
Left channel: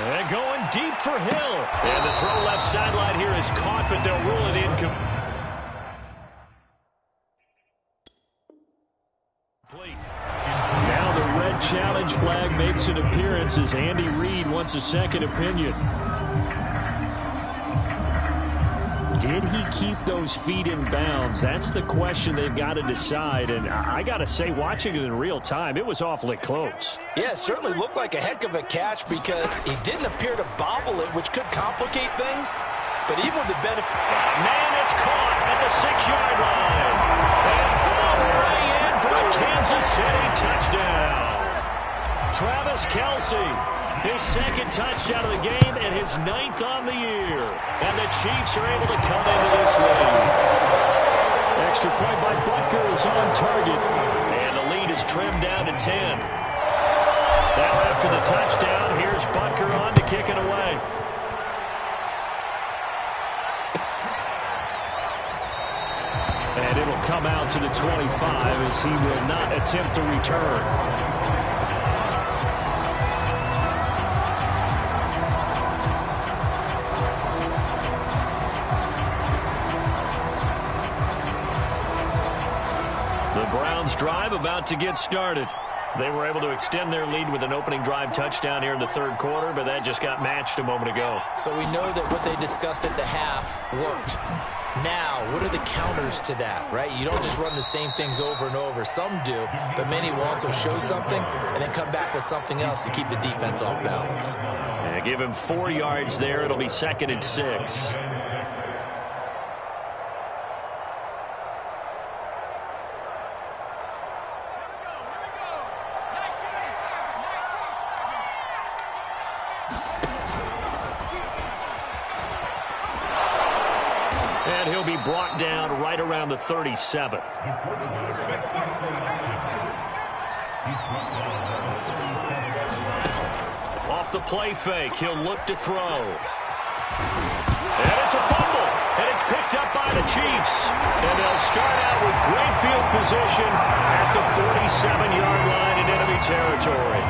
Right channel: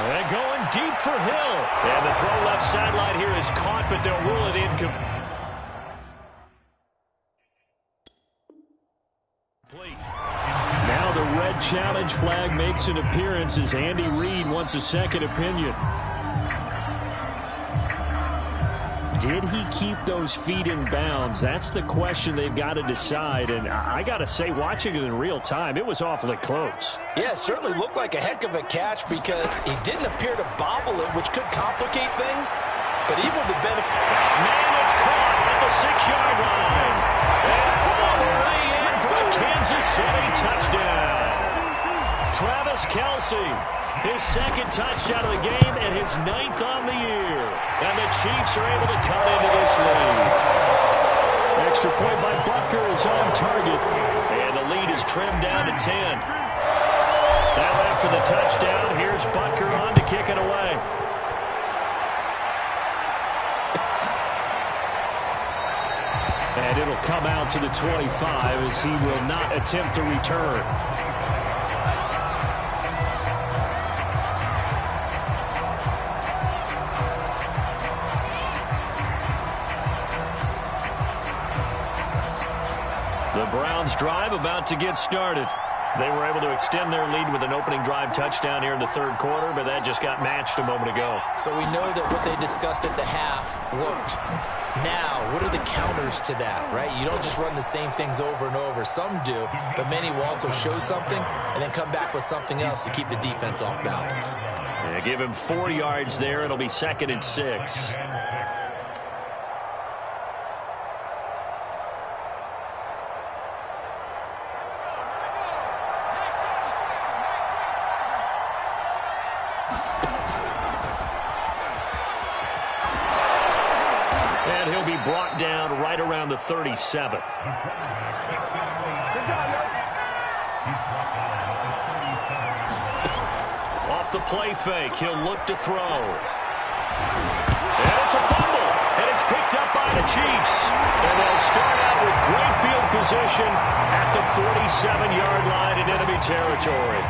And going deep for Hill. And the throw left sideline here is caught, but they'll rule it incomplete. Now the red challenge flag makes an appearance as Andy Reid wants a second opinion. Did he keep those feet in bounds? That's the question they've got to decide. And I got to say, watching it in real time, it was awfully close. Yeah, it certainly looked like a heck of a catch because he didn't appear to bobble it, which could complicate things. But even with the benefit... Man, it's caught at the 6-yard line. And all the way in for a Kansas City touchdown. Travis Kelce, his 2nd touchdown of the game and his 9th on the year. And the Chiefs are able to cut into this lead. Extra point by Butker is on target. And the lead is trimmed down to 10. Now after the touchdown, here's Butker on to kick it away. And it'll come out to the 25 as he will not attempt to return. The Browns drive about to get started. They were able to extend their lead with an opening drive touchdown here in the third quarter, but that just got matched a moment ago. So we know that what they discussed at the half worked. Now, what are the counters to that, right? You don't just run the same things over and over. Some do, but many will also show something and then come back with something else to keep the defense off balance. Yeah, give him 4 yards there. It'll be 2nd and 6. And he'll be brought down right around the 37. Off the play fake, he'll look to throw. And it's a fumble, and it's picked up by the Chiefs. And they'll start out with great field position at the 47-yard line in enemy territory.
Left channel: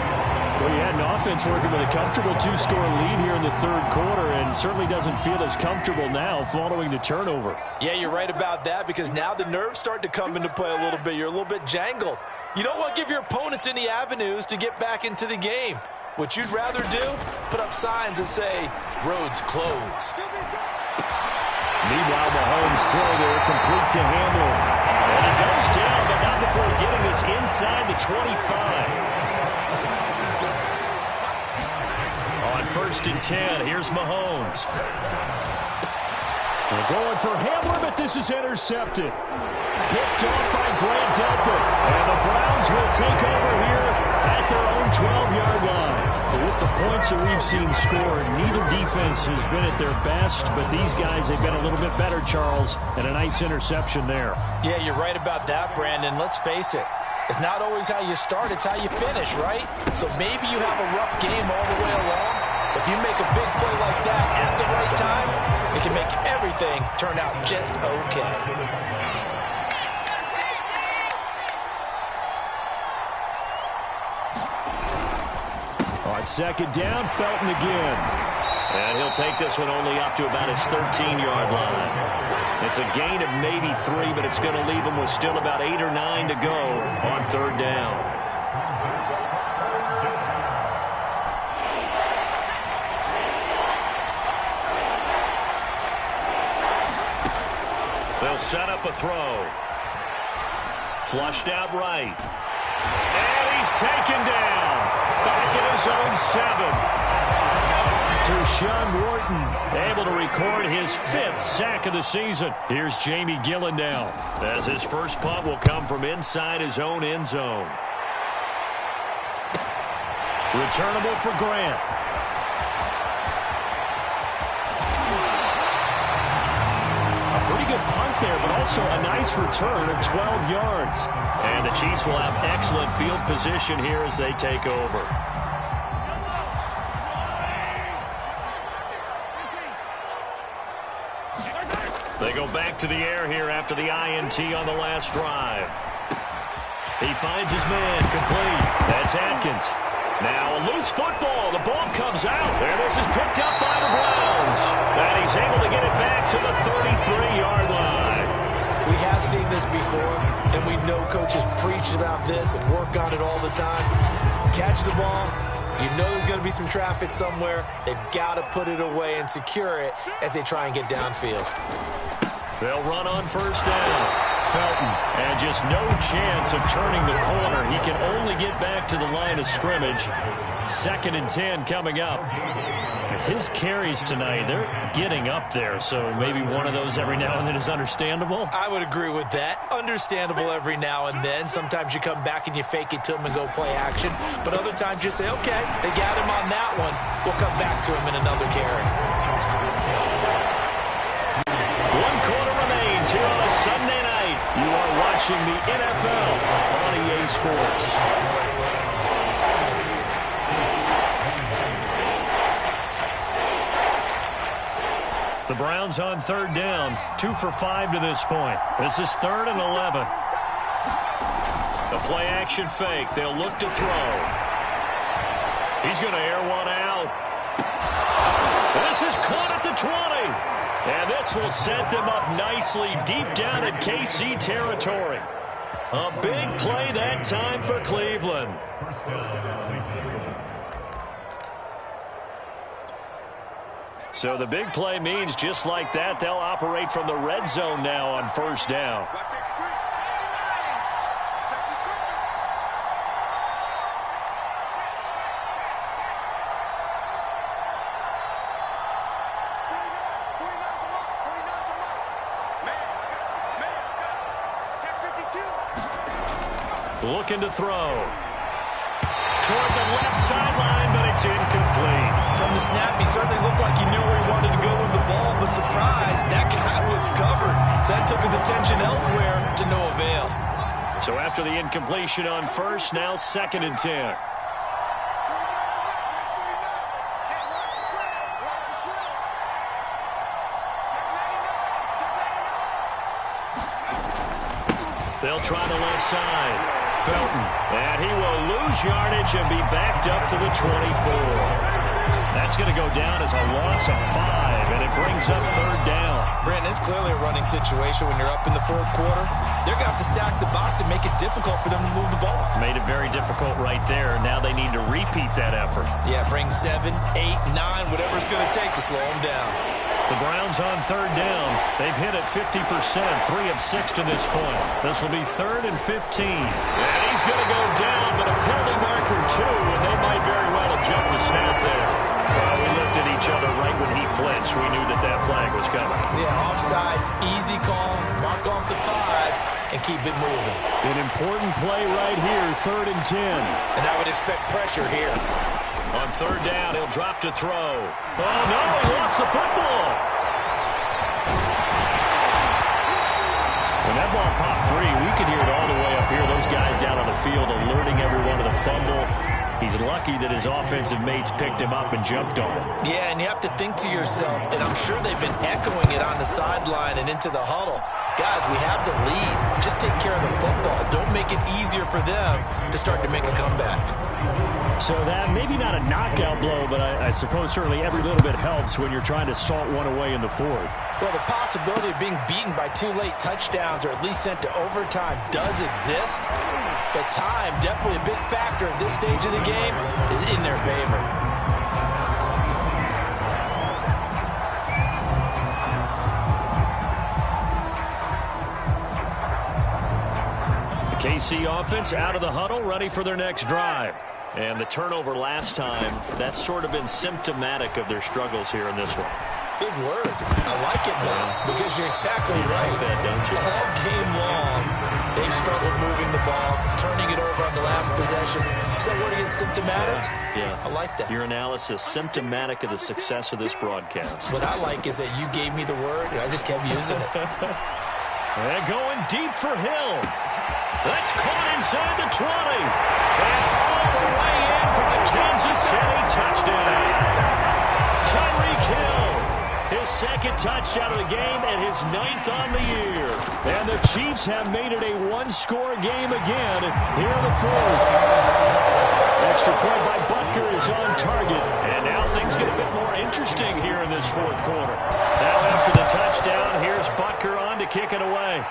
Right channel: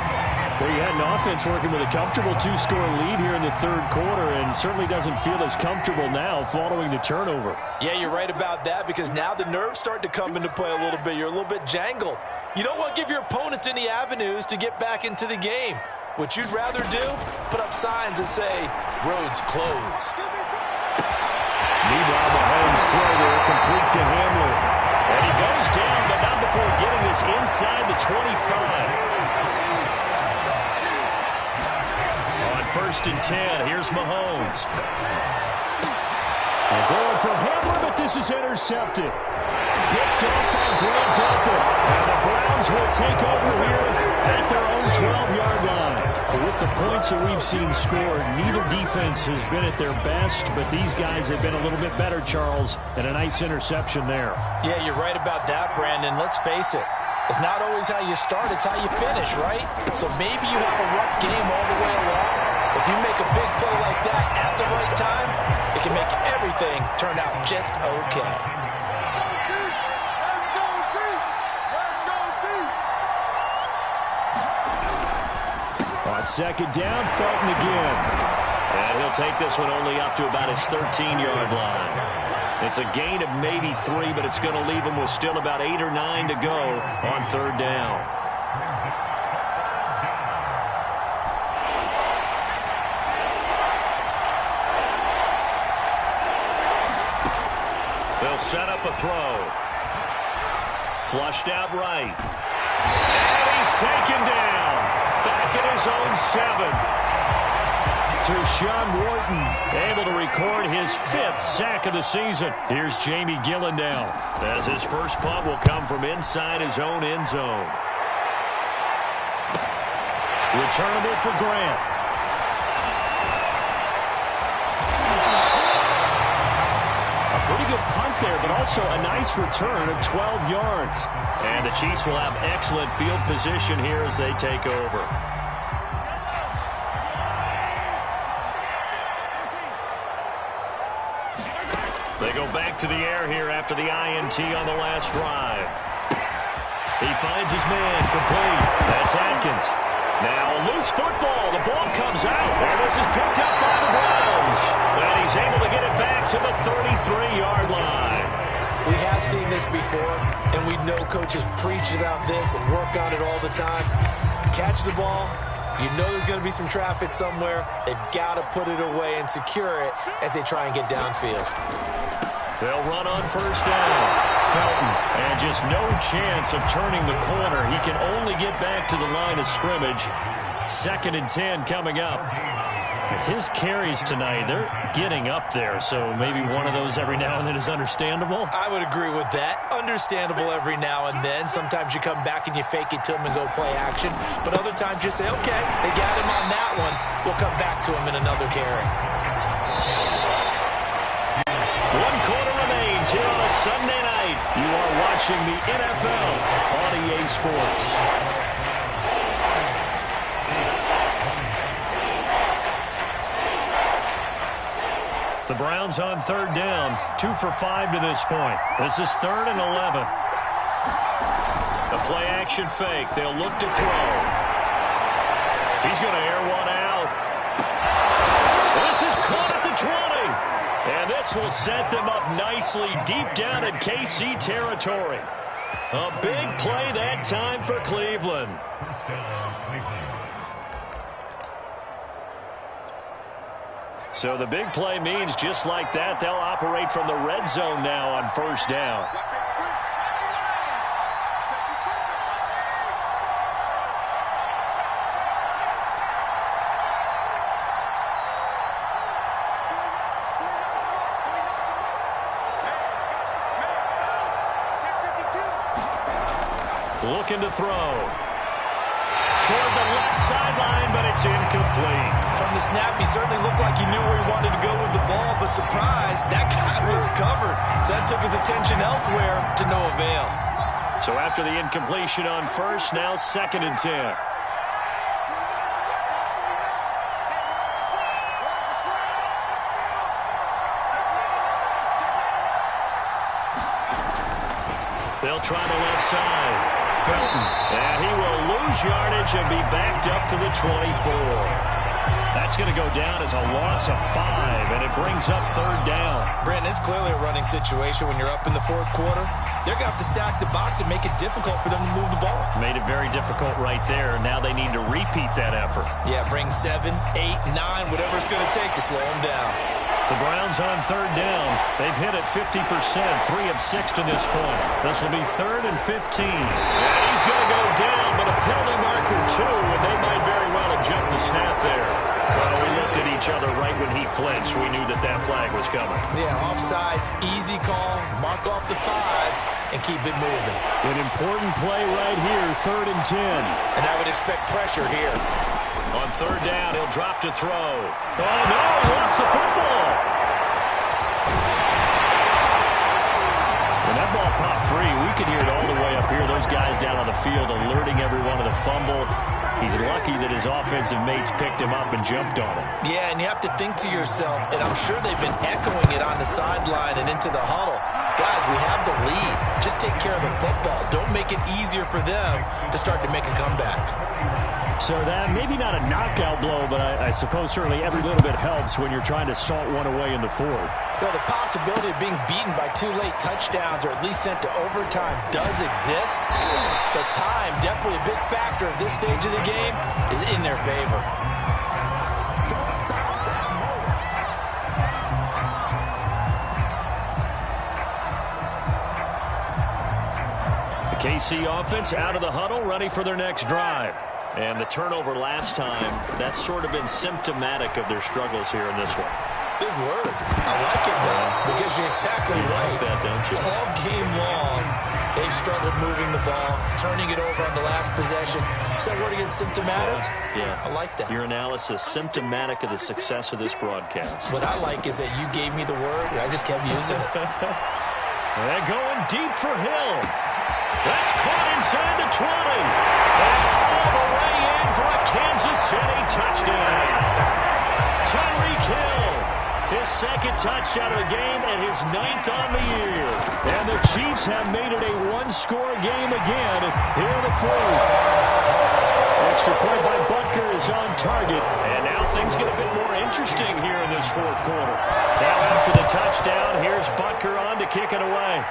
Well, you had an offense working with a comfortable 2-score lead here in the third quarter and certainly doesn't feel as comfortable now following the turnover. Yeah, you're right about that because now the nerves start to come into play a little bit. You're a little bit jangled. You don't want to give your opponents any avenues to get back into the game. What you'd rather do, put up signs that say, roads closed. Meanwhile, Mahomes' throw there complete to Hamler. And he goes down, but not before getting this inside the 25. On 1st and 10, here's Mahomes. They're going for Hamler, but this is intercepted. Picked off by Grant Delpit. And the Browns will take over here at their own 12-yard line. But with the points that we've seen scored, neither defense has been at their best, but these guys have been a little bit better, Charles, and a nice interception there. Yeah, you're right about that, Brandon. Let's face it. It's not always how you start, it's how you finish, right? So maybe you have a rough game all the way along, If you make a big play like that at the right time, it can make everything turn out just okay. On second down, Felton again. And he'll take this one only up to about his 13-yard line. It's a gain of maybe 3, but it's going to leave him with still about 8 or 9 to go on third down. They'll set up a throw. Flushed out right. And he's taken down. Back at his own 7. Tershawn Wharton able to record his 5th sack of the season. Here's Jamie Gillen now, as his first punt will come from inside his own end zone. Returnable for Grant. A pretty good punt there, but also a nice return of 12 yards. And the Chiefs will have excellent field position here as they take over. They go back to the air here after the INT on the last drive. He finds his man, complete. That's Atkins. Now a loose football. The ball comes out. And this is picked up by the Browns. And he's able to get it back to the 33-yard line. We have seen this before, and we know coaches preach about this and work on it all the time. Catch the ball. You know there's going to be some traffic somewhere. They've got to put it away and secure it as they try and get downfield. They'll run on first down. Felton, and just no chance of turning the corner. He can only get back to the line of scrimmage. 2nd and 10 coming up. His carries tonight, they're getting up there, so maybe one of those every now and then is understandable. I would agree with that. Understandable every now and then. Sometimes you come back and you fake it to him and go play action. But other times you say, okay, they got him on that one. We'll come back to him in another carry. 1 quarter remains here on a Sunday night. You are watching the NFL on EA Sports. The Browns on third down, 2 for 5 to this point. This is 3rd and 11. The play action fake. They'll look to throw. He's going to air one out. This is caught at the 20. And this will set them up nicely deep down in KC territory. A big play that time for Cleveland. So the big play means just like that, they'll operate from the red zone now on first down. Looking to throw. Toward the left sideline, but it's incomplete. From the snap, he certainly looked like he knew where he wanted to go with the ball, but surprise, that guy was covered. So that took his attention elsewhere to no avail. So after the incompletion on first, now 2nd and 10. They'll try the left side. Felton, and he will lose yardage and be backed up to the 24. That's going to go down as a loss of 5, and it brings up third down. Brandon, it's clearly a running situation when you're up in the 4th quarter. They're going to have to stack the box and make it difficult for them to move the ball. Made it very difficult right there. Now they need to repeat that effort. Yeah, bring 7, 8, 9, whatever it's going to take to slow them down. The Browns on third down. They've hit it 50%, 3 of 6 to this point. This will be 3rd and 15. And he's going to go down, but a penalty marker too, and they might very well have jumped the snap there. Well, we looked at each other right when he flinched. We knew that that flag was coming. Yeah, offsides, easy call, mark off the 5, and keep it moving. An important play right here, 3rd and 10. And I would expect pressure here. On third down, he'll drop to throw. Oh, no, he lost the football. When that ball popped free, we could hear it all the way up here. Those guys down on the field alerting everyone to the fumble. He's lucky that his offensive mates picked him up and jumped on it. Yeah, and you have to think to yourself, and I'm sure they've been echoing it on the sideline and into the huddle. Guys, we have the lead. Just take care of the football. Don't make it easier for them to start to make a comeback. So that maybe not a knockout blow, but I suppose certainly every little bit helps when you're trying to salt one away in the fourth. Well, the possibility of being beaten by 2 late touchdowns or at least sent to overtime does exist. But time, definitely a big factor at this stage of the game, is in their favor. The KC offense out of the huddle, ready for their next drive. And the turnover last time, that's sort of been symptomatic of their struggles here in this one. Big word. I like it, though, because you're exactly right. You like that, don't you? All game long, they've struggled moving the ball, turning it over on the last possession. Is that word again, symptomatic? Yeah. I like that. Your analysis, symptomatic of the success of this broadcast. What I like is that you gave me the word, and I just kept using it. They're going deep for Hill. That's caught inside the 20. And all the way in for a Kansas City touchdown. Tyreek Hill, his second touchdown of the game and his 9th on the year. And the Chiefs have made it a one-score game again here in the fourth. Extra point by Butker is on target. And now things get a bit more interesting here in this fourth quarter. Now after the touchdown, here's Butker on to kick it away.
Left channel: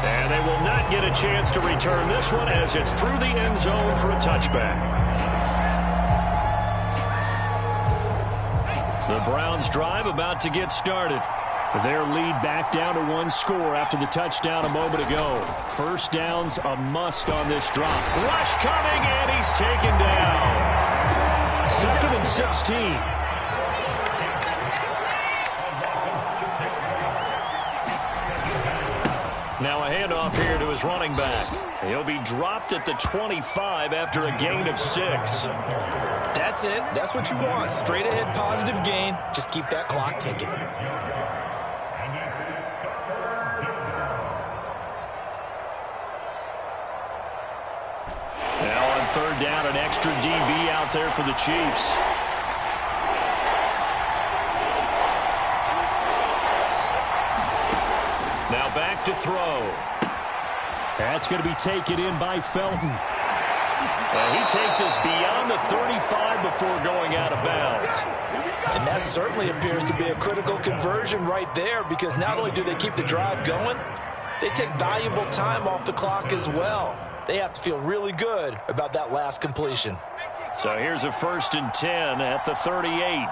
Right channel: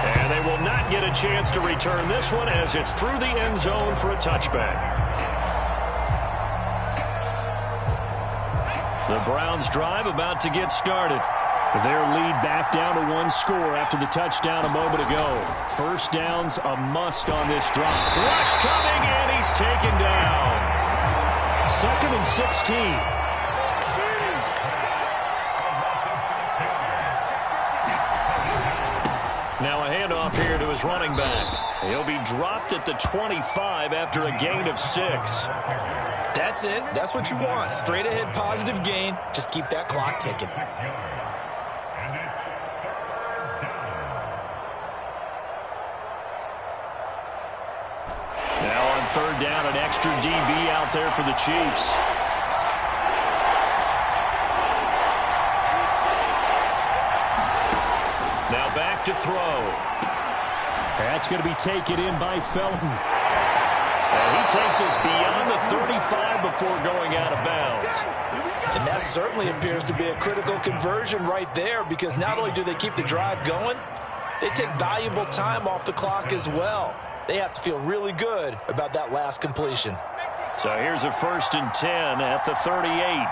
And they will not get a chance to return this one as it's through the end zone for a touchback. The Browns drive about to get started. Their lead back down to 1 score after the touchdown a moment ago. First down's a must on this drop. Rush coming, and he's taken down. 2nd and 16. Now a handoff here to his running back. He'll be dropped at the 25 after a gain of 6. That's it. That's what you want. Straight ahead positive gain. Just keep that clock ticking. Now on 3rd down, an extra DB out there for the Chiefs. Now back to throw. That's going to be taken in by Felton. And he takes us beyond the 35 before going out of bounds. And that certainly appears to be a critical conversion right there, because not only do they keep the drive going, they take valuable time off the clock as well. They have to feel really good about that last completion. So here's a 1st and 10 at the 38.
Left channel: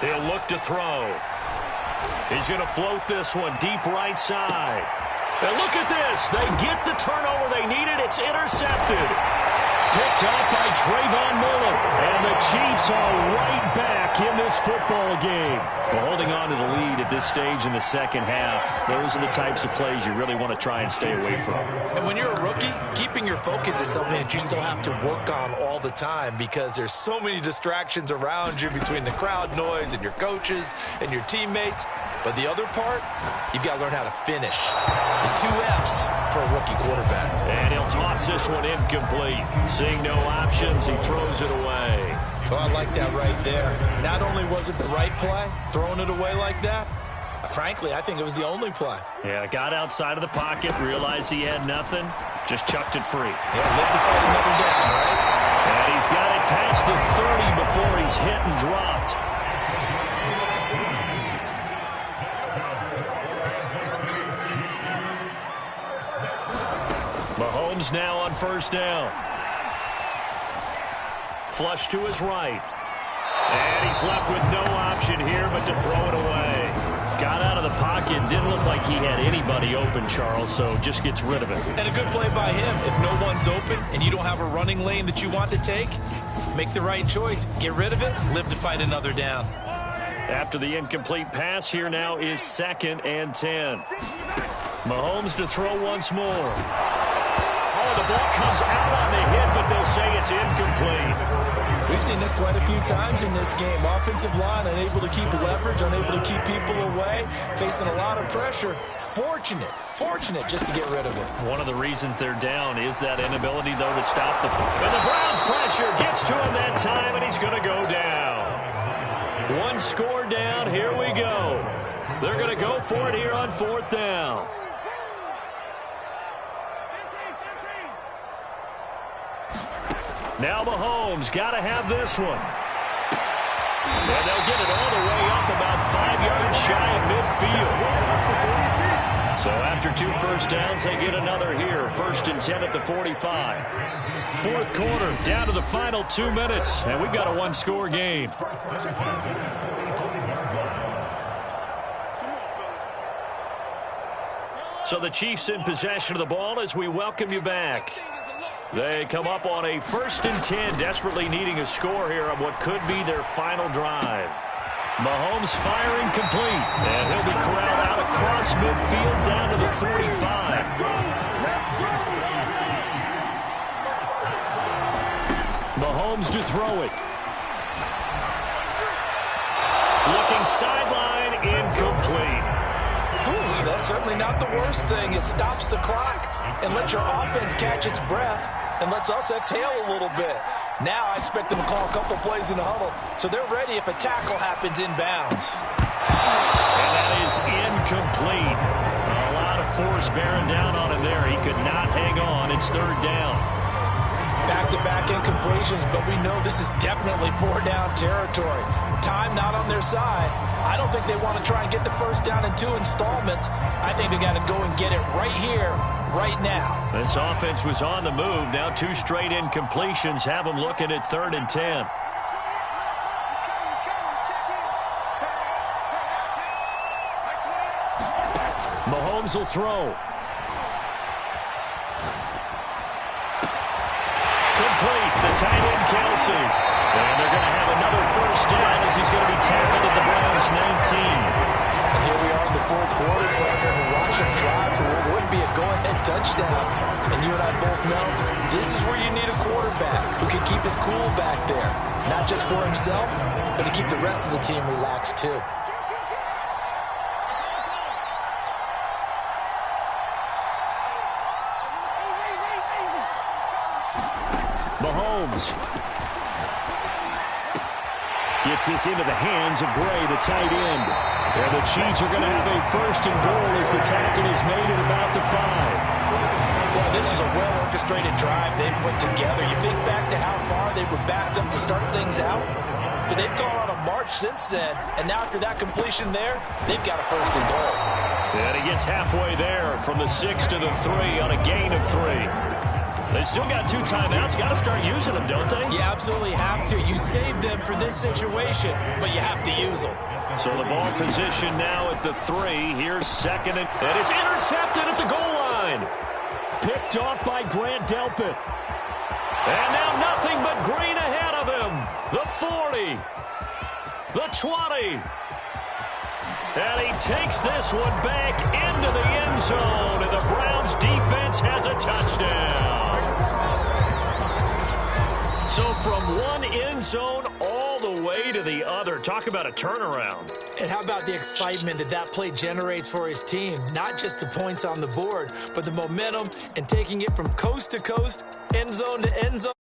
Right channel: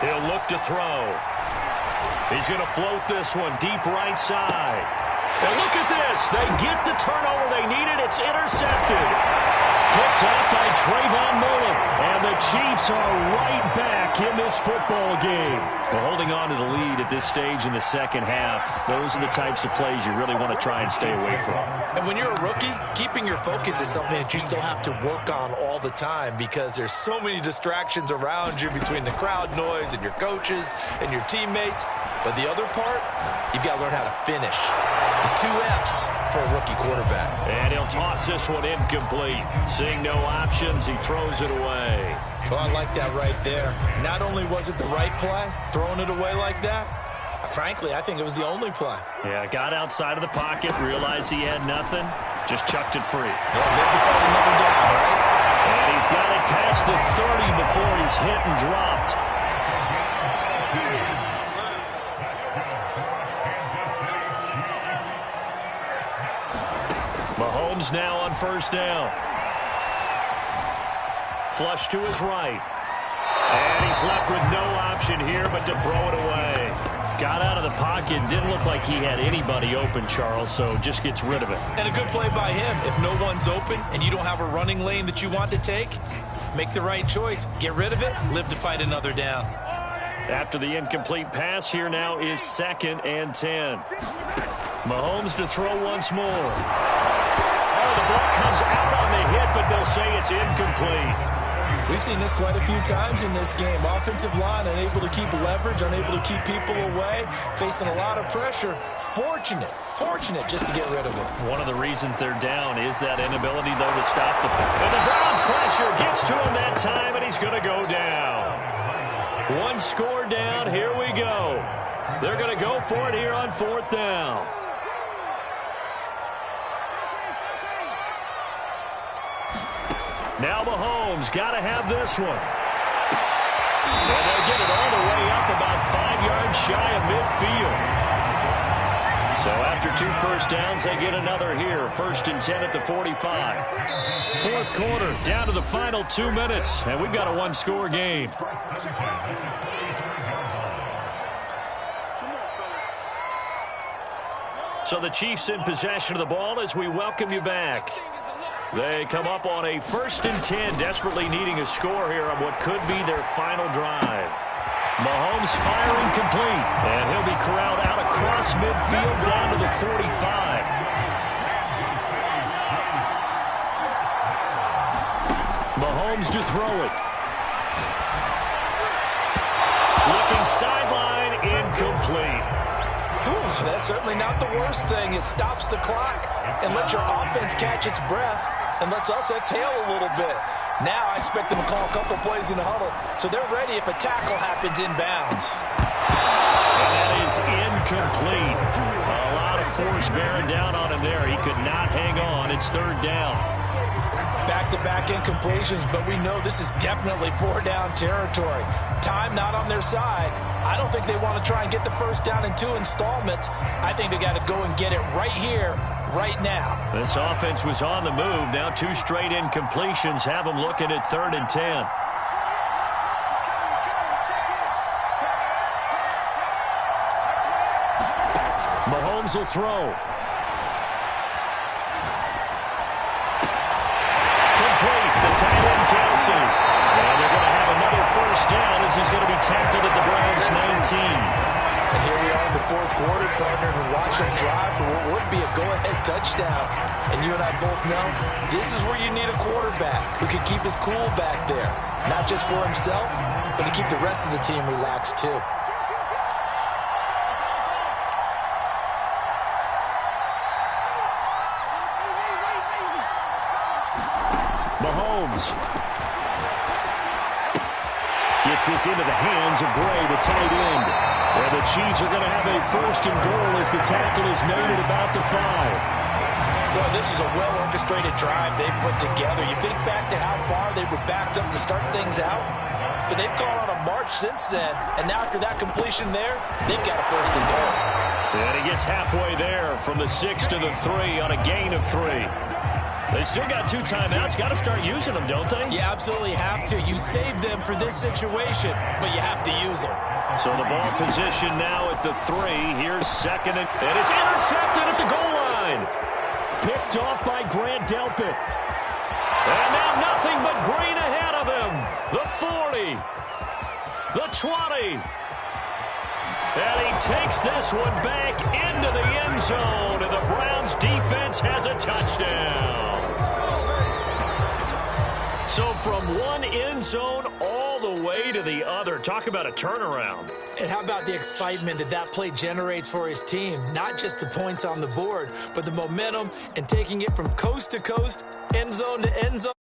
He'll look to throw. He's going to float this one deep right side. And look at this. They get the turnover they needed. It's intercepted. Picked up by Trayvon Mullen. And the Chiefs are right back in this football game. Well, holding on to the lead at this stage in the second half, those are the types of plays you really want to try and stay away from. And when you're a rookie, keeping your focus is something that you still have to work on all the time, because there's so many distractions around you between the crowd noise and your coaches and your teammates. But the other part, you've got to learn how to finish. It's the 2 F's for a rookie quarterback. And he'll toss this one incomplete. Seeing no options, he throws it away. Oh, I like that right there. Not only was it the right play, throwing it away like that, frankly, I think it was the only play. Yeah, got outside of the pocket, realized he had nothing, just chucked it free. Yeah, live to fight another down, right? And he's got it past the 30 before he's hit and dropped. Mahomes now on 1st down. Flush to his right. And he's left with no option here but to throw it away. Got out of the pocket. Didn't look like he had anybody open, Charles, so just gets rid of it. And a good play by him. If no one's open and you don't have a running lane that you want to take, make the right choice. Get rid of it. Live to fight another down. After the incomplete pass, here now is 2nd and 10. Mahomes to throw once more. Oh, the ball comes out on the hit, but they'll say it's incomplete. We've seen this quite a few times in this game. Offensive line unable to keep leverage, unable to keep people away, facing a lot of pressure. Fortunate just to get rid of it. One of the reasons they're down is that inability, though, to stop the... And the Browns' pressure gets to him that time, and he's going to go down. One score down. Here we go. They're going to go for it here on 4th down. Now Mahomes got to have this one. And they'll get it all the way up about 5 yards shy of midfield. So after 2 first downs, they get another here. 1st and 10 at the 45. 4th quarter, down to the final 2 minutes. And we've got a one-score game. So the Chiefs in possession of the ball as we welcome you back. They come up on a 1st and 10, desperately needing a score here on what could be their final drive. Mahomes firing complete, and he'll be corralled out across midfield down to the 45. Mahomes to throw it. Looking sideline, incomplete. Whew, that's certainly not the worst thing. It stops the clock and lets your offense catch its breath and lets us exhale a little bit. Now I expect them to call a couple plays in the huddle so they're ready if a tackle happens inbounds. And that is incomplete. A lot of force bearing down on him there. He could not hang on. It's 3rd down. Back-to-back incompletions, but we know this is definitely 4-down territory. Time not on their side. I don't think they want to try and get the 1st down in 2 installments. I think they got to go and get it right here, right now. This offense was on the move. Now 2 straight incompletions have them looking at 3rd and 10. Mahomes will throw. Complete. The tight end, Kelsey. And they're going to have another 1st down as he's going to be tackled at the Browns' 19. And here we are in the 4th quarter, partner, and watch them drive for what would be a go-ahead touchdown. And you and I both know this is where you need a quarterback who can keep his cool back there. Not just for himself, but to keep the rest of the team relaxed too. Mahomes gets this into the hands of Gray, the tight end. And the Chiefs are going to have a 1st and goal as the tackle is made at about the 5. Boy, this is a well-orchestrated drive they've put together. You think back to how far they were backed up to start things out, but they've gone on a march since then. And now after that completion there, they've got a 1st and goal. And he gets halfway there from the 6 to the 3 on a gain of 3. They still got 2 timeouts. Got to start using them, don't they? You absolutely have to. You save them for this situation, but you have to use them. So the ball position now at the 3. Here's 2nd and it's intercepted at the goal line. Picked off by Grant Delpit. And now nothing but green ahead of him. The 40. The 20. And he takes this one back into the end zone, and the Browns defense has a touchdown. So from one end zone all the way to the other. Talk about a turnaround. And how about the excitement that that play generates for his team? Not just the points on the board, but the momentum and taking it from coast to coast, end zone to end zone.